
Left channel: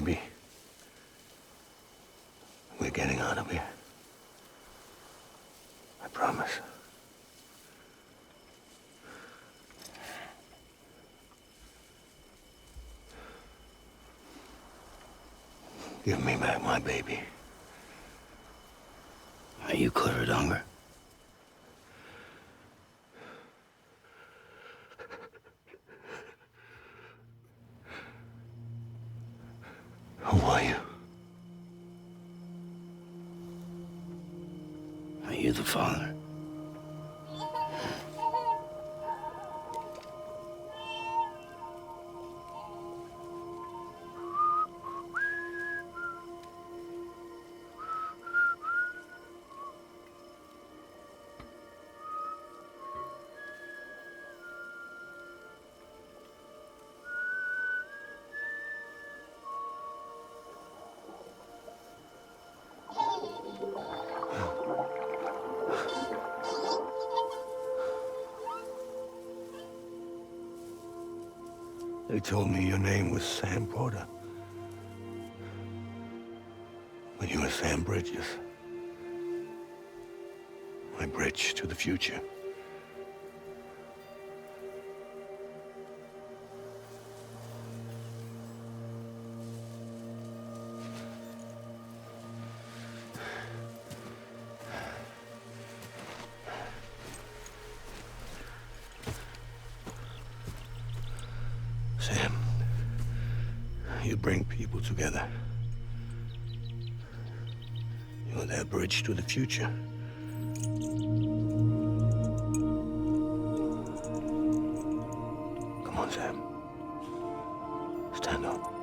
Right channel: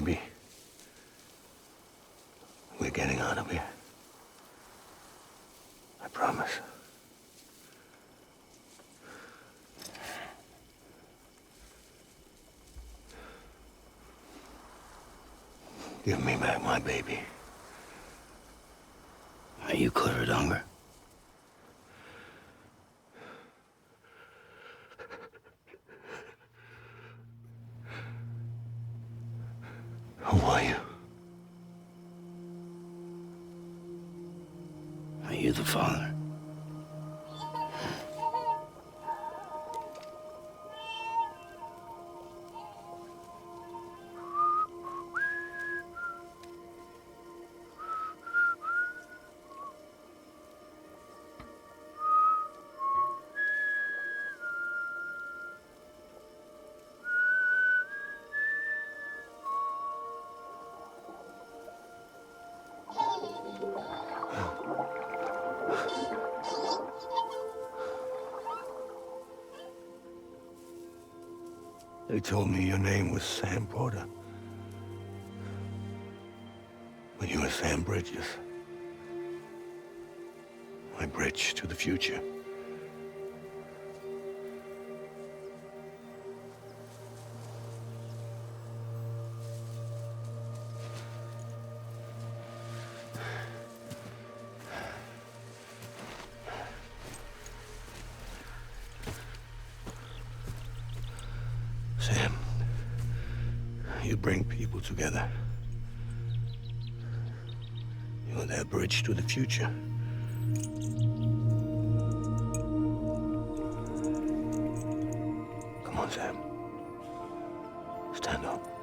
baby. We're getting out of here. I promise. Give me back my baby. Are you Clifford Unger? Who are you? Are you the father? They told me your name was Sam Porter. But you were Sam Bridges. My bridge to the future. Sam, you bring people together. You're their bridge to the future. Come on, Sam. Stand up.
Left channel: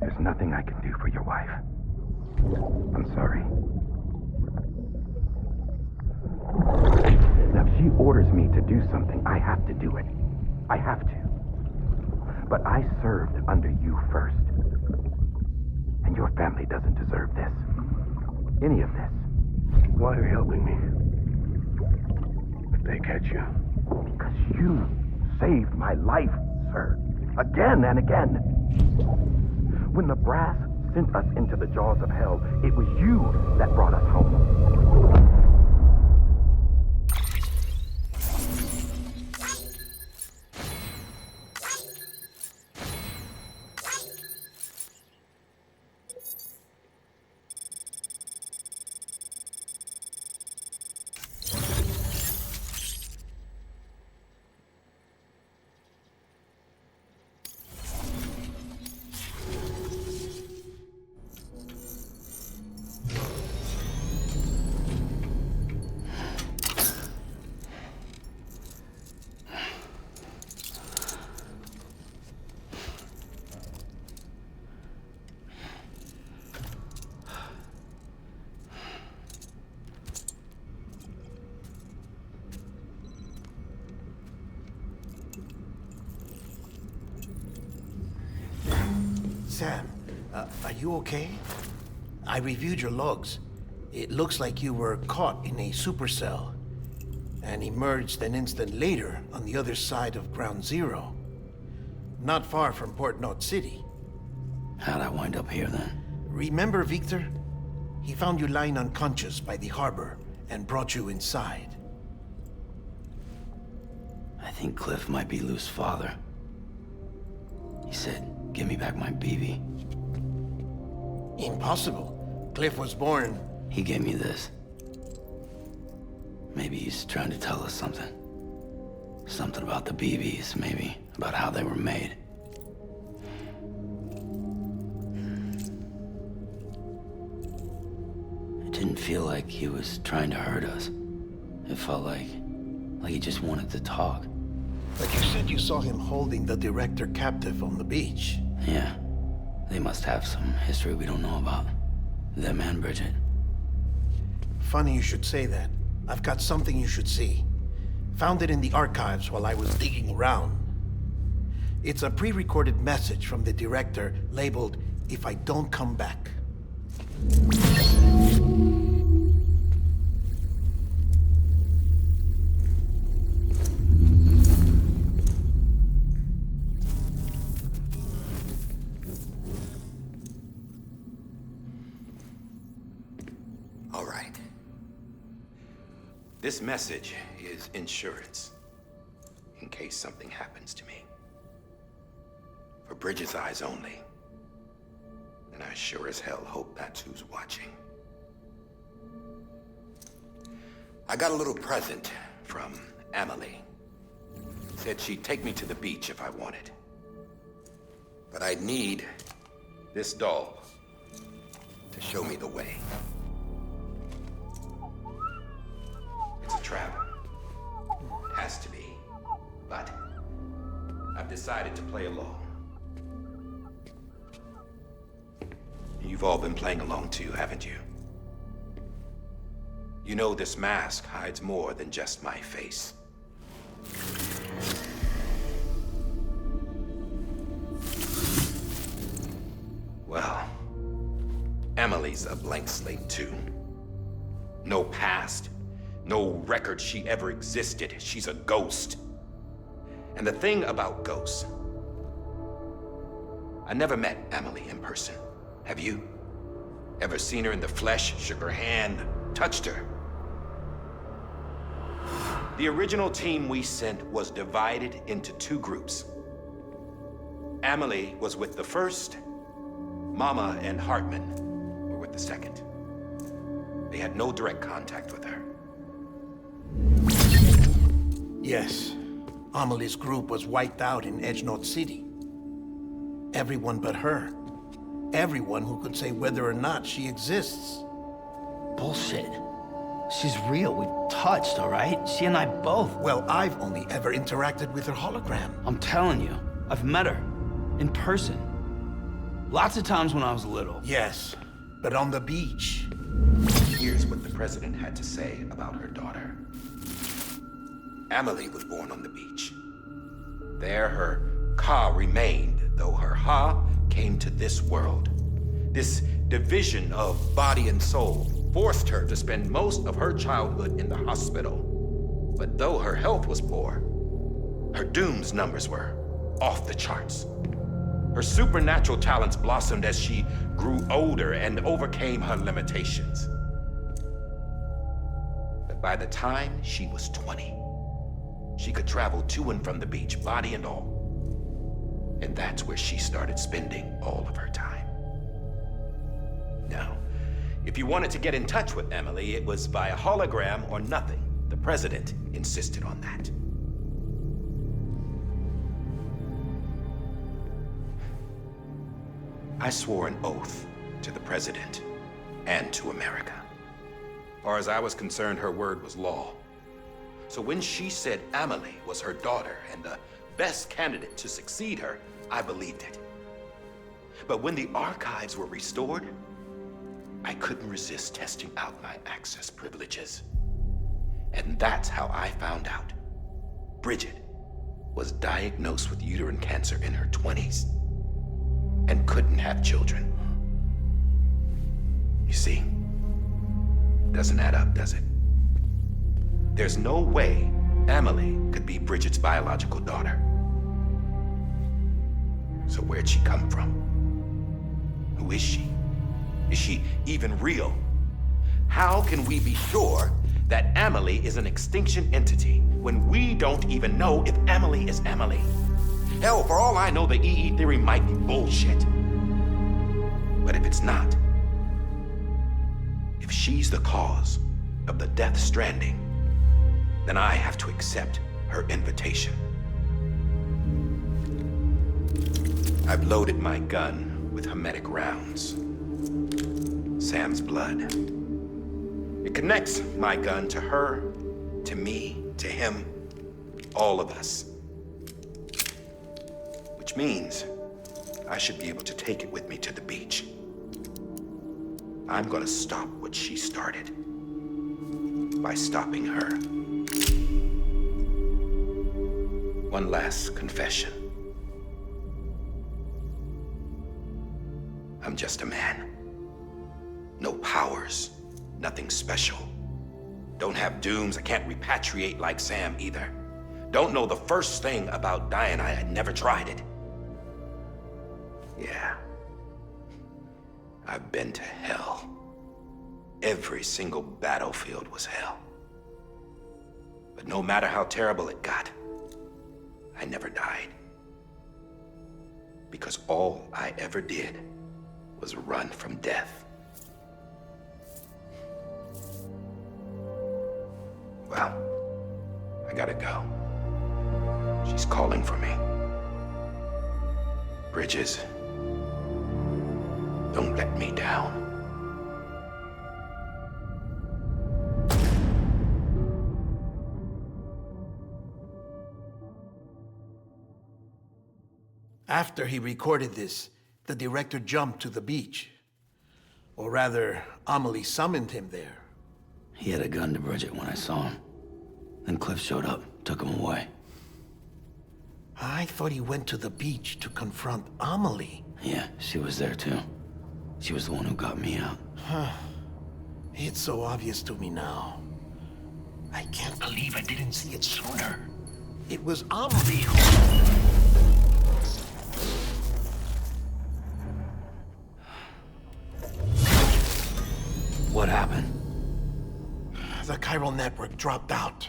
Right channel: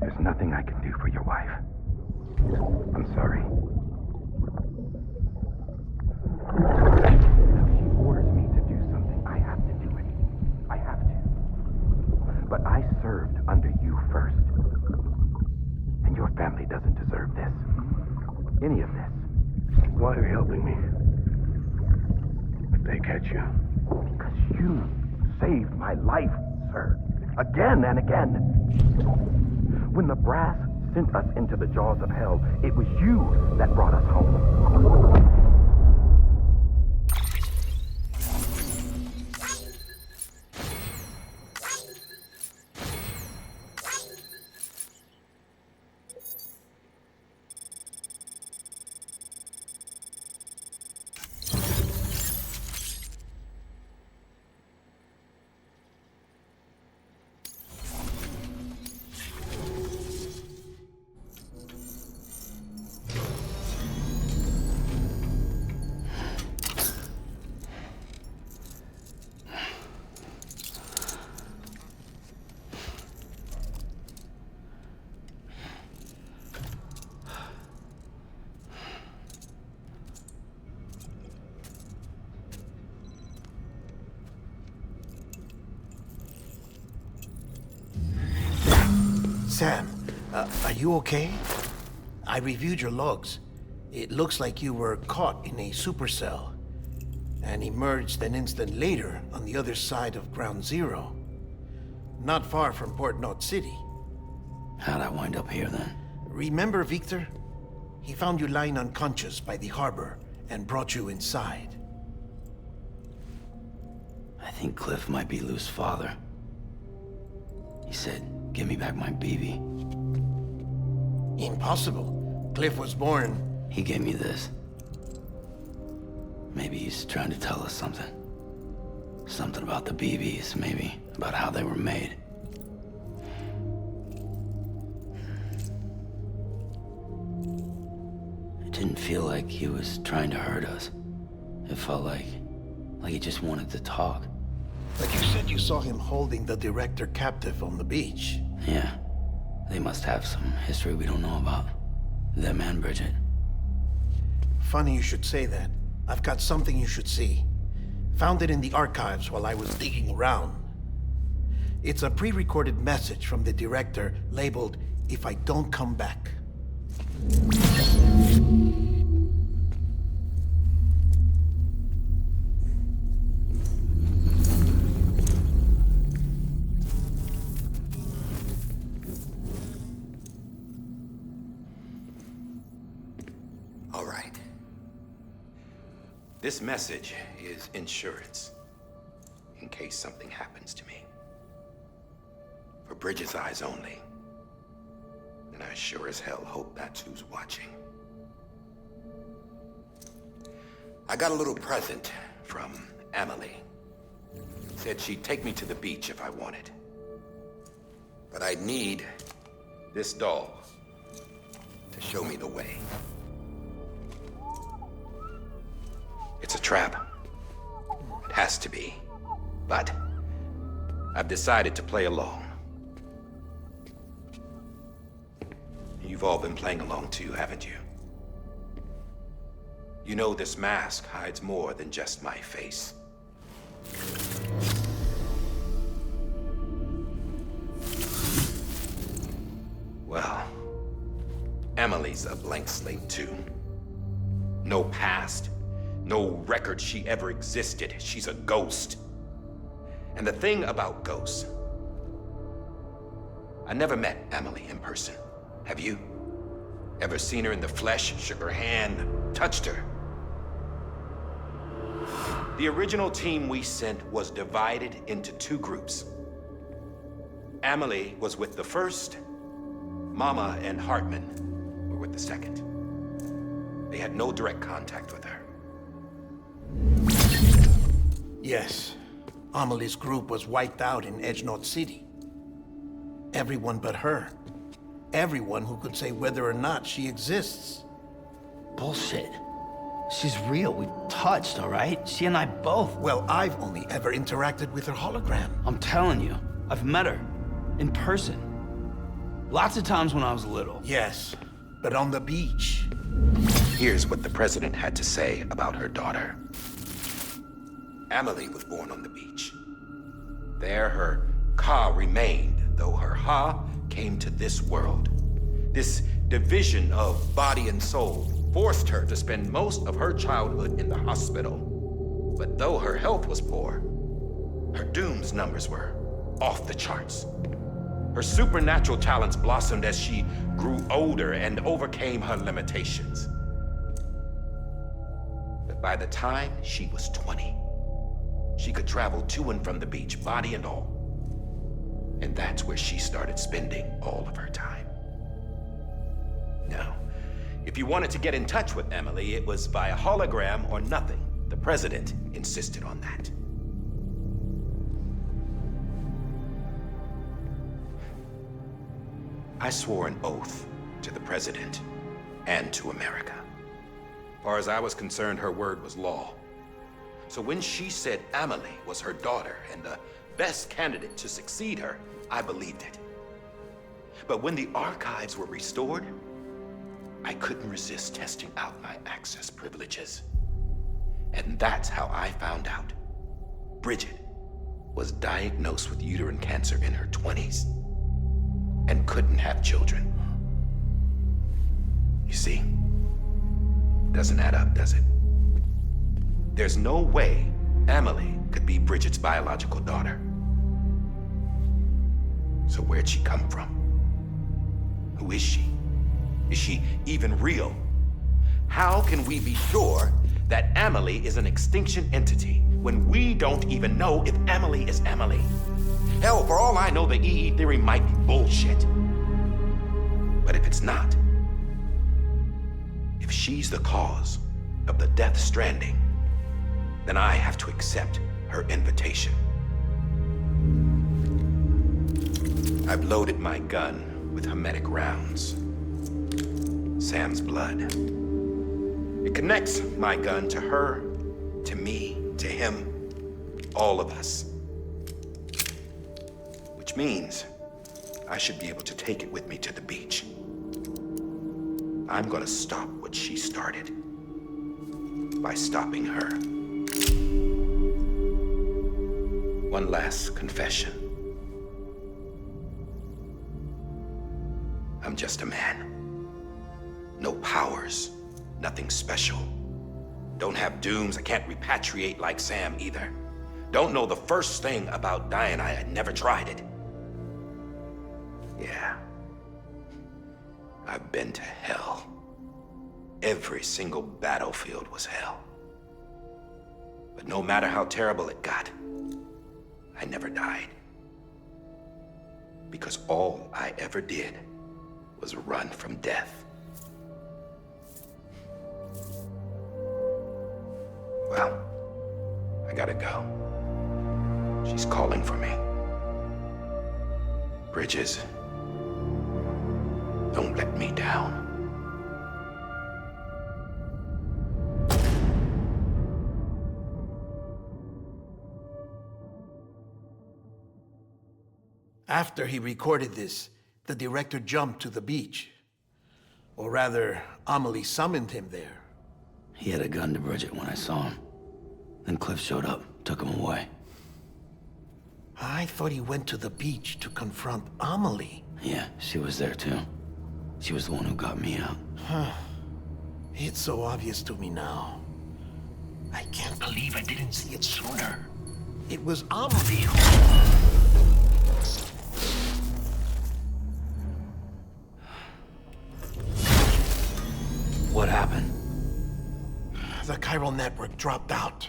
There's nothing I can do for your wife. I'm sorry. Now, if she orders me to do something, I have to do it. I have to. But I served under you first. And your family doesn't deserve this. Any of this. Why are you helping me? If they catch you. Because you saved my life, sir. Again and again. When the brass sent us into the jaws of hell, it was you that brought us home. Sam, are you okay? I reviewed your logs. It looks like you were caught in a supercell. and emerged an instant later on the other side of Ground Zero. Not far from Port Knot City. How'd I wind up here then? Remember Victor? He found you lying unconscious by the harbor and brought you inside. I think Cliff might be Lou's father. He said, give me back my BB. Impossible. Cliff was born... He gave me this. Maybe he's trying to tell us something. Something about the BBs, maybe. About how they were made. It didn't feel like he was trying to hurt us. It felt like he just wanted to talk. But you said you saw him holding the director captive on the beach. Yeah. They must have some history we don't know about. Them and Bridget. Funny you should say that. I've got something you should see. Found it in the archives while I was digging around. It's a pre-recorded message from the director labeled, "If I don't come back." All right. This message is insurance, in case something happens to me. For Bridget's eyes only. And I sure as hell hope that's who's watching. I got a little present from Emily. Said she'd take me to the beach if I wanted. But I'd need this doll to show me the way. It's a trap. It has to be. But I've decided to play along. You've all been playing along too, haven't you? You know this mask hides more than just my face. Well, Emily's a blank slate too. No past. No record she ever existed. She's a ghost. And the thing about ghosts, I never met Emily in person. Have you? Ever seen her in the flesh, shook her hand, touched her? The original team we sent was divided into two groups. Emily was with the first. Mama and Hartman were with the second. They had no direct contact with her. Yes. Amelie's group was wiped out in Edge Knot City. Everyone but her. Everyone who could say whether or not she exists. Bullshit. She's real. We've touched, all right? She and I both. Well, I've only ever interacted with her hologram. I'm telling you, I've met her. In person. Lots of times when I was little. Yes, but on the beach. Here's what the president had to say about her daughter. Emily was born on the beach. There her Ka remained, though her Ha came to this world. This division of body and soul forced her to spend most of her childhood in the hospital. But though her health was poor, her Doom's numbers were off the charts. Her supernatural talents blossomed as she grew older and overcame her limitations. But by the time she was 20, she could travel to and from the beach, body and all. And that's where she started spending all of her time. Now, if you wanted to get in touch with Emily, it was via hologram or nothing. The president insisted on that. I swore an oath to the president and to America. As far as I was concerned, her word was law. So when she said Emily was her daughter and the best candidate to succeed her, I believed it. But when the archives were restored, I couldn't resist testing out my access privileges. And that's how I found out. Bridget was diagnosed with uterine cancer in her 20s and couldn't have children. You see, doesn't add up, does it? There's no way Amelie could be Bridget's biological daughter. So where'd she come from? Who is she? Is she even real? How can we be sure that Amelie is an extinction entity when we don't even know if Amelie is Amelie? Hell, for all I know, the EE theory might be bullshit. But if it's not, if she's the cause of the Death Stranding, then I have to accept her invitation. I've loaded my gun with hermetic rounds. Sam's blood. It connects my gun to her, to me, to him, all of us. Which means I should be able to take it with me to the beach. I'm gonna stop what she started by stopping her. One last confession. I'm just a man. No powers, nothing special. Don't have dooms, I can't repatriate like Sam either. Don't know the first thing about dying, I had never tried it. Yeah. I've been to hell. Every single battlefield was hell. But no matter how terrible it got, I never died. Because all I ever did was run from death. Well, I gotta go. She's calling for me. Bridges, don't let me down. After he recorded this, the director jumped to the beach. Or rather, Amelie summoned him there. He had a gun to Bridget when I saw him. Then Cliff showed up, took him away. I thought he went to the beach to confront Amelie. Yeah, she was there too. She was the one who got me out. It's so obvious to me now. I can't believe I didn't see it sooner. It was Amelie who... What happened? The chiral network dropped out.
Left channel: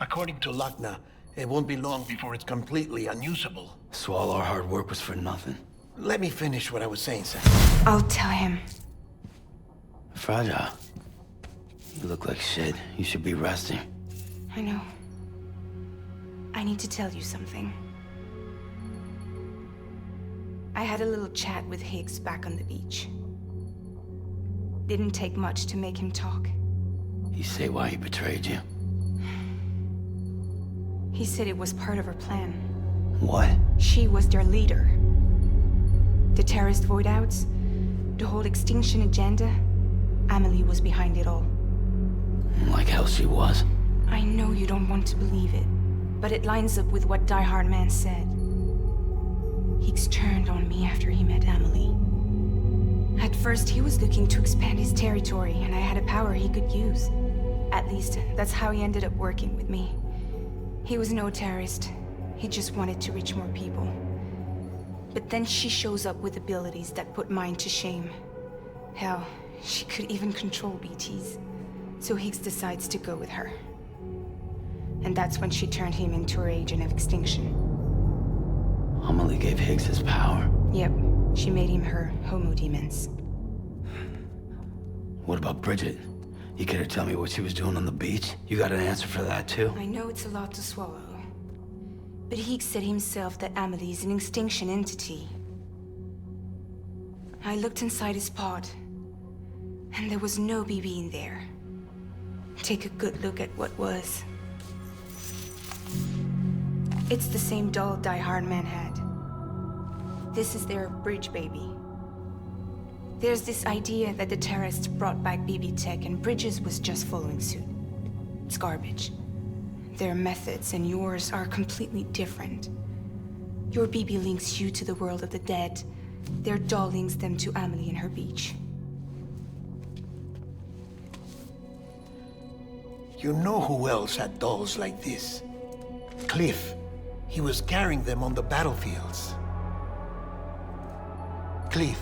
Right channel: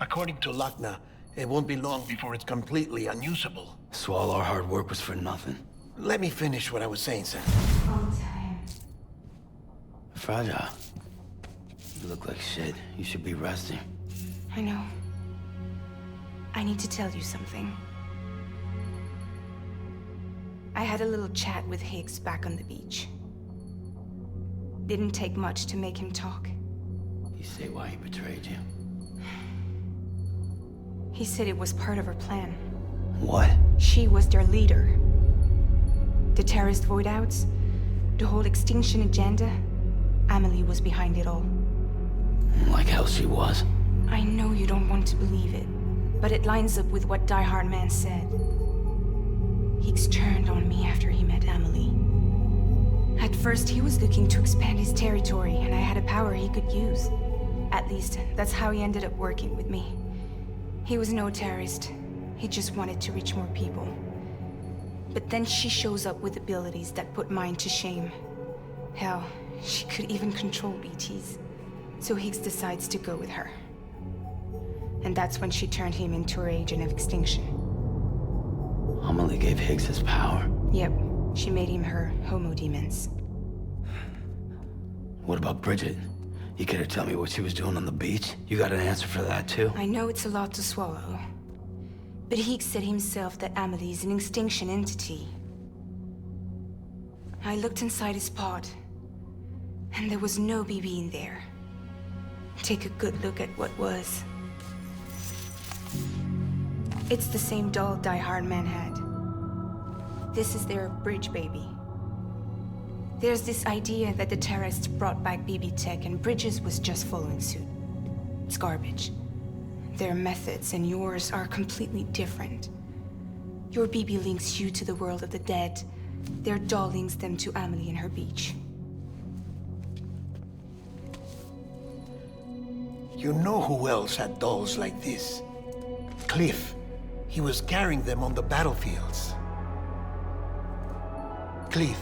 According to Lachna, it won't be long before it's completely unusable. So all our hard work was for nothing. Let me finish what I was saying, Sam. I'll tell him. Fragile. You look like shit. You should be resting. I know. I need to tell you something. I had a little chat with Higgs back on the beach. Didn't take much to make him talk. You say why he betrayed you? He said it was part of her plan. What? She was their leader. The terrorist voidouts, the whole extinction agenda, Amelie was behind it all. Like hell she was. I know you don't want to believe it, but it lines up with what Die Hard Man said. Higgs turned on me after he met Amelie. At first, he was looking to expand his territory, and I had a power he could use. At least, that's how he ended up working with me. He was no terrorist. He just wanted to reach more people. But then she shows up with abilities that put mine to shame. Hell, she could even control BTs. So Higgs decides to go with her. And that's when she turned him into her agent of extinction. Amelie gave Higgs his power? Yep. She made him her homo demons. What about Bridget? You care to tell me what she was doing on the beach? You got an answer for that too? I know it's a lot to swallow. But Higgs said himself that Amelie is an extinction entity. I looked inside his pod, and there was no BB in there. Take a good look at what was. It's the same doll Die Hard Man had. This is their bridge baby. There's this idea that the terrorists brought back BB tech and Bridges was just following suit. It's garbage. Their methods and yours are completely different. Your BB links you to the world of the dead. Their doll links them to Amelie and her beach. You know who else had dolls like this? Cliff. He was carrying them on the battlefields. Cliff,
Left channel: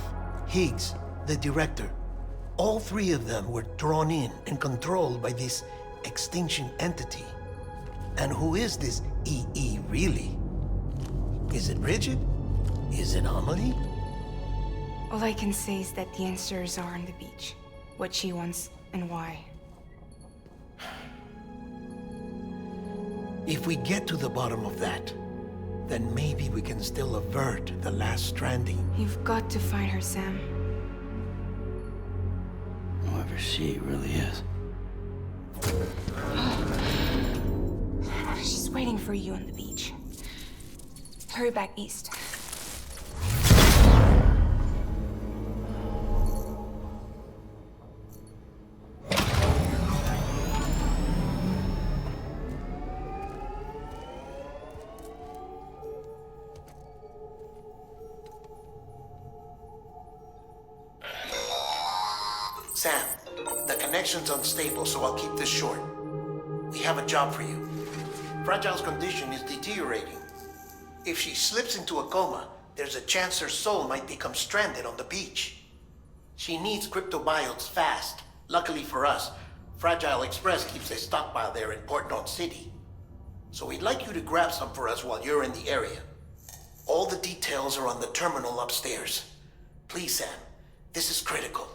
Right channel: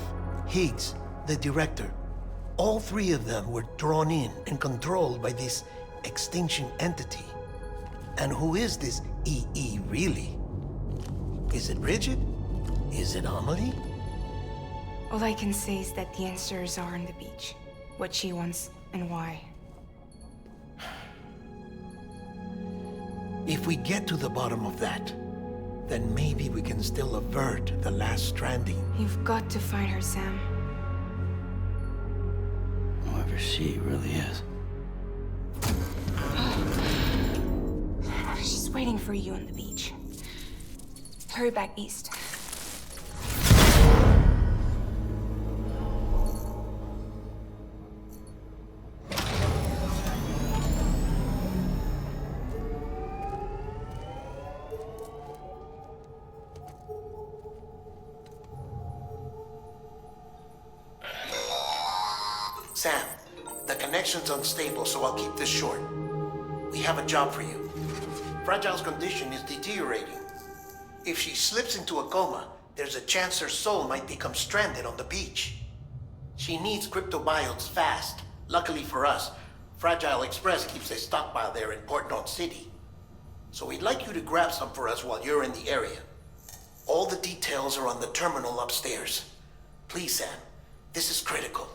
Higgs, the director. All three of them were drawn in and controlled by this extinction entity. And who is this EE really? Is it Bridget? Is it Amelie? All I can say is that the answers are on the beach. What she wants and why. If we get to the bottom of that, then maybe we can still avert the last stranding. You've got to find her, Sam. Whoever she really is. She's waiting for you on the beach. Hurry back east. Sam, the connection's unstable, so I'll keep this short. We have a job for you. Fragile's condition is deteriorating. If she slips into a coma, there's a chance her soul might become stranded on the beach. She needs cryptobiotes fast. Luckily for us, Fragile Express keeps a stockpile there in Port North City. So we'd like you to grab some for us while you're in the area. All the details are on the terminal upstairs. Please, Sam, this is critical.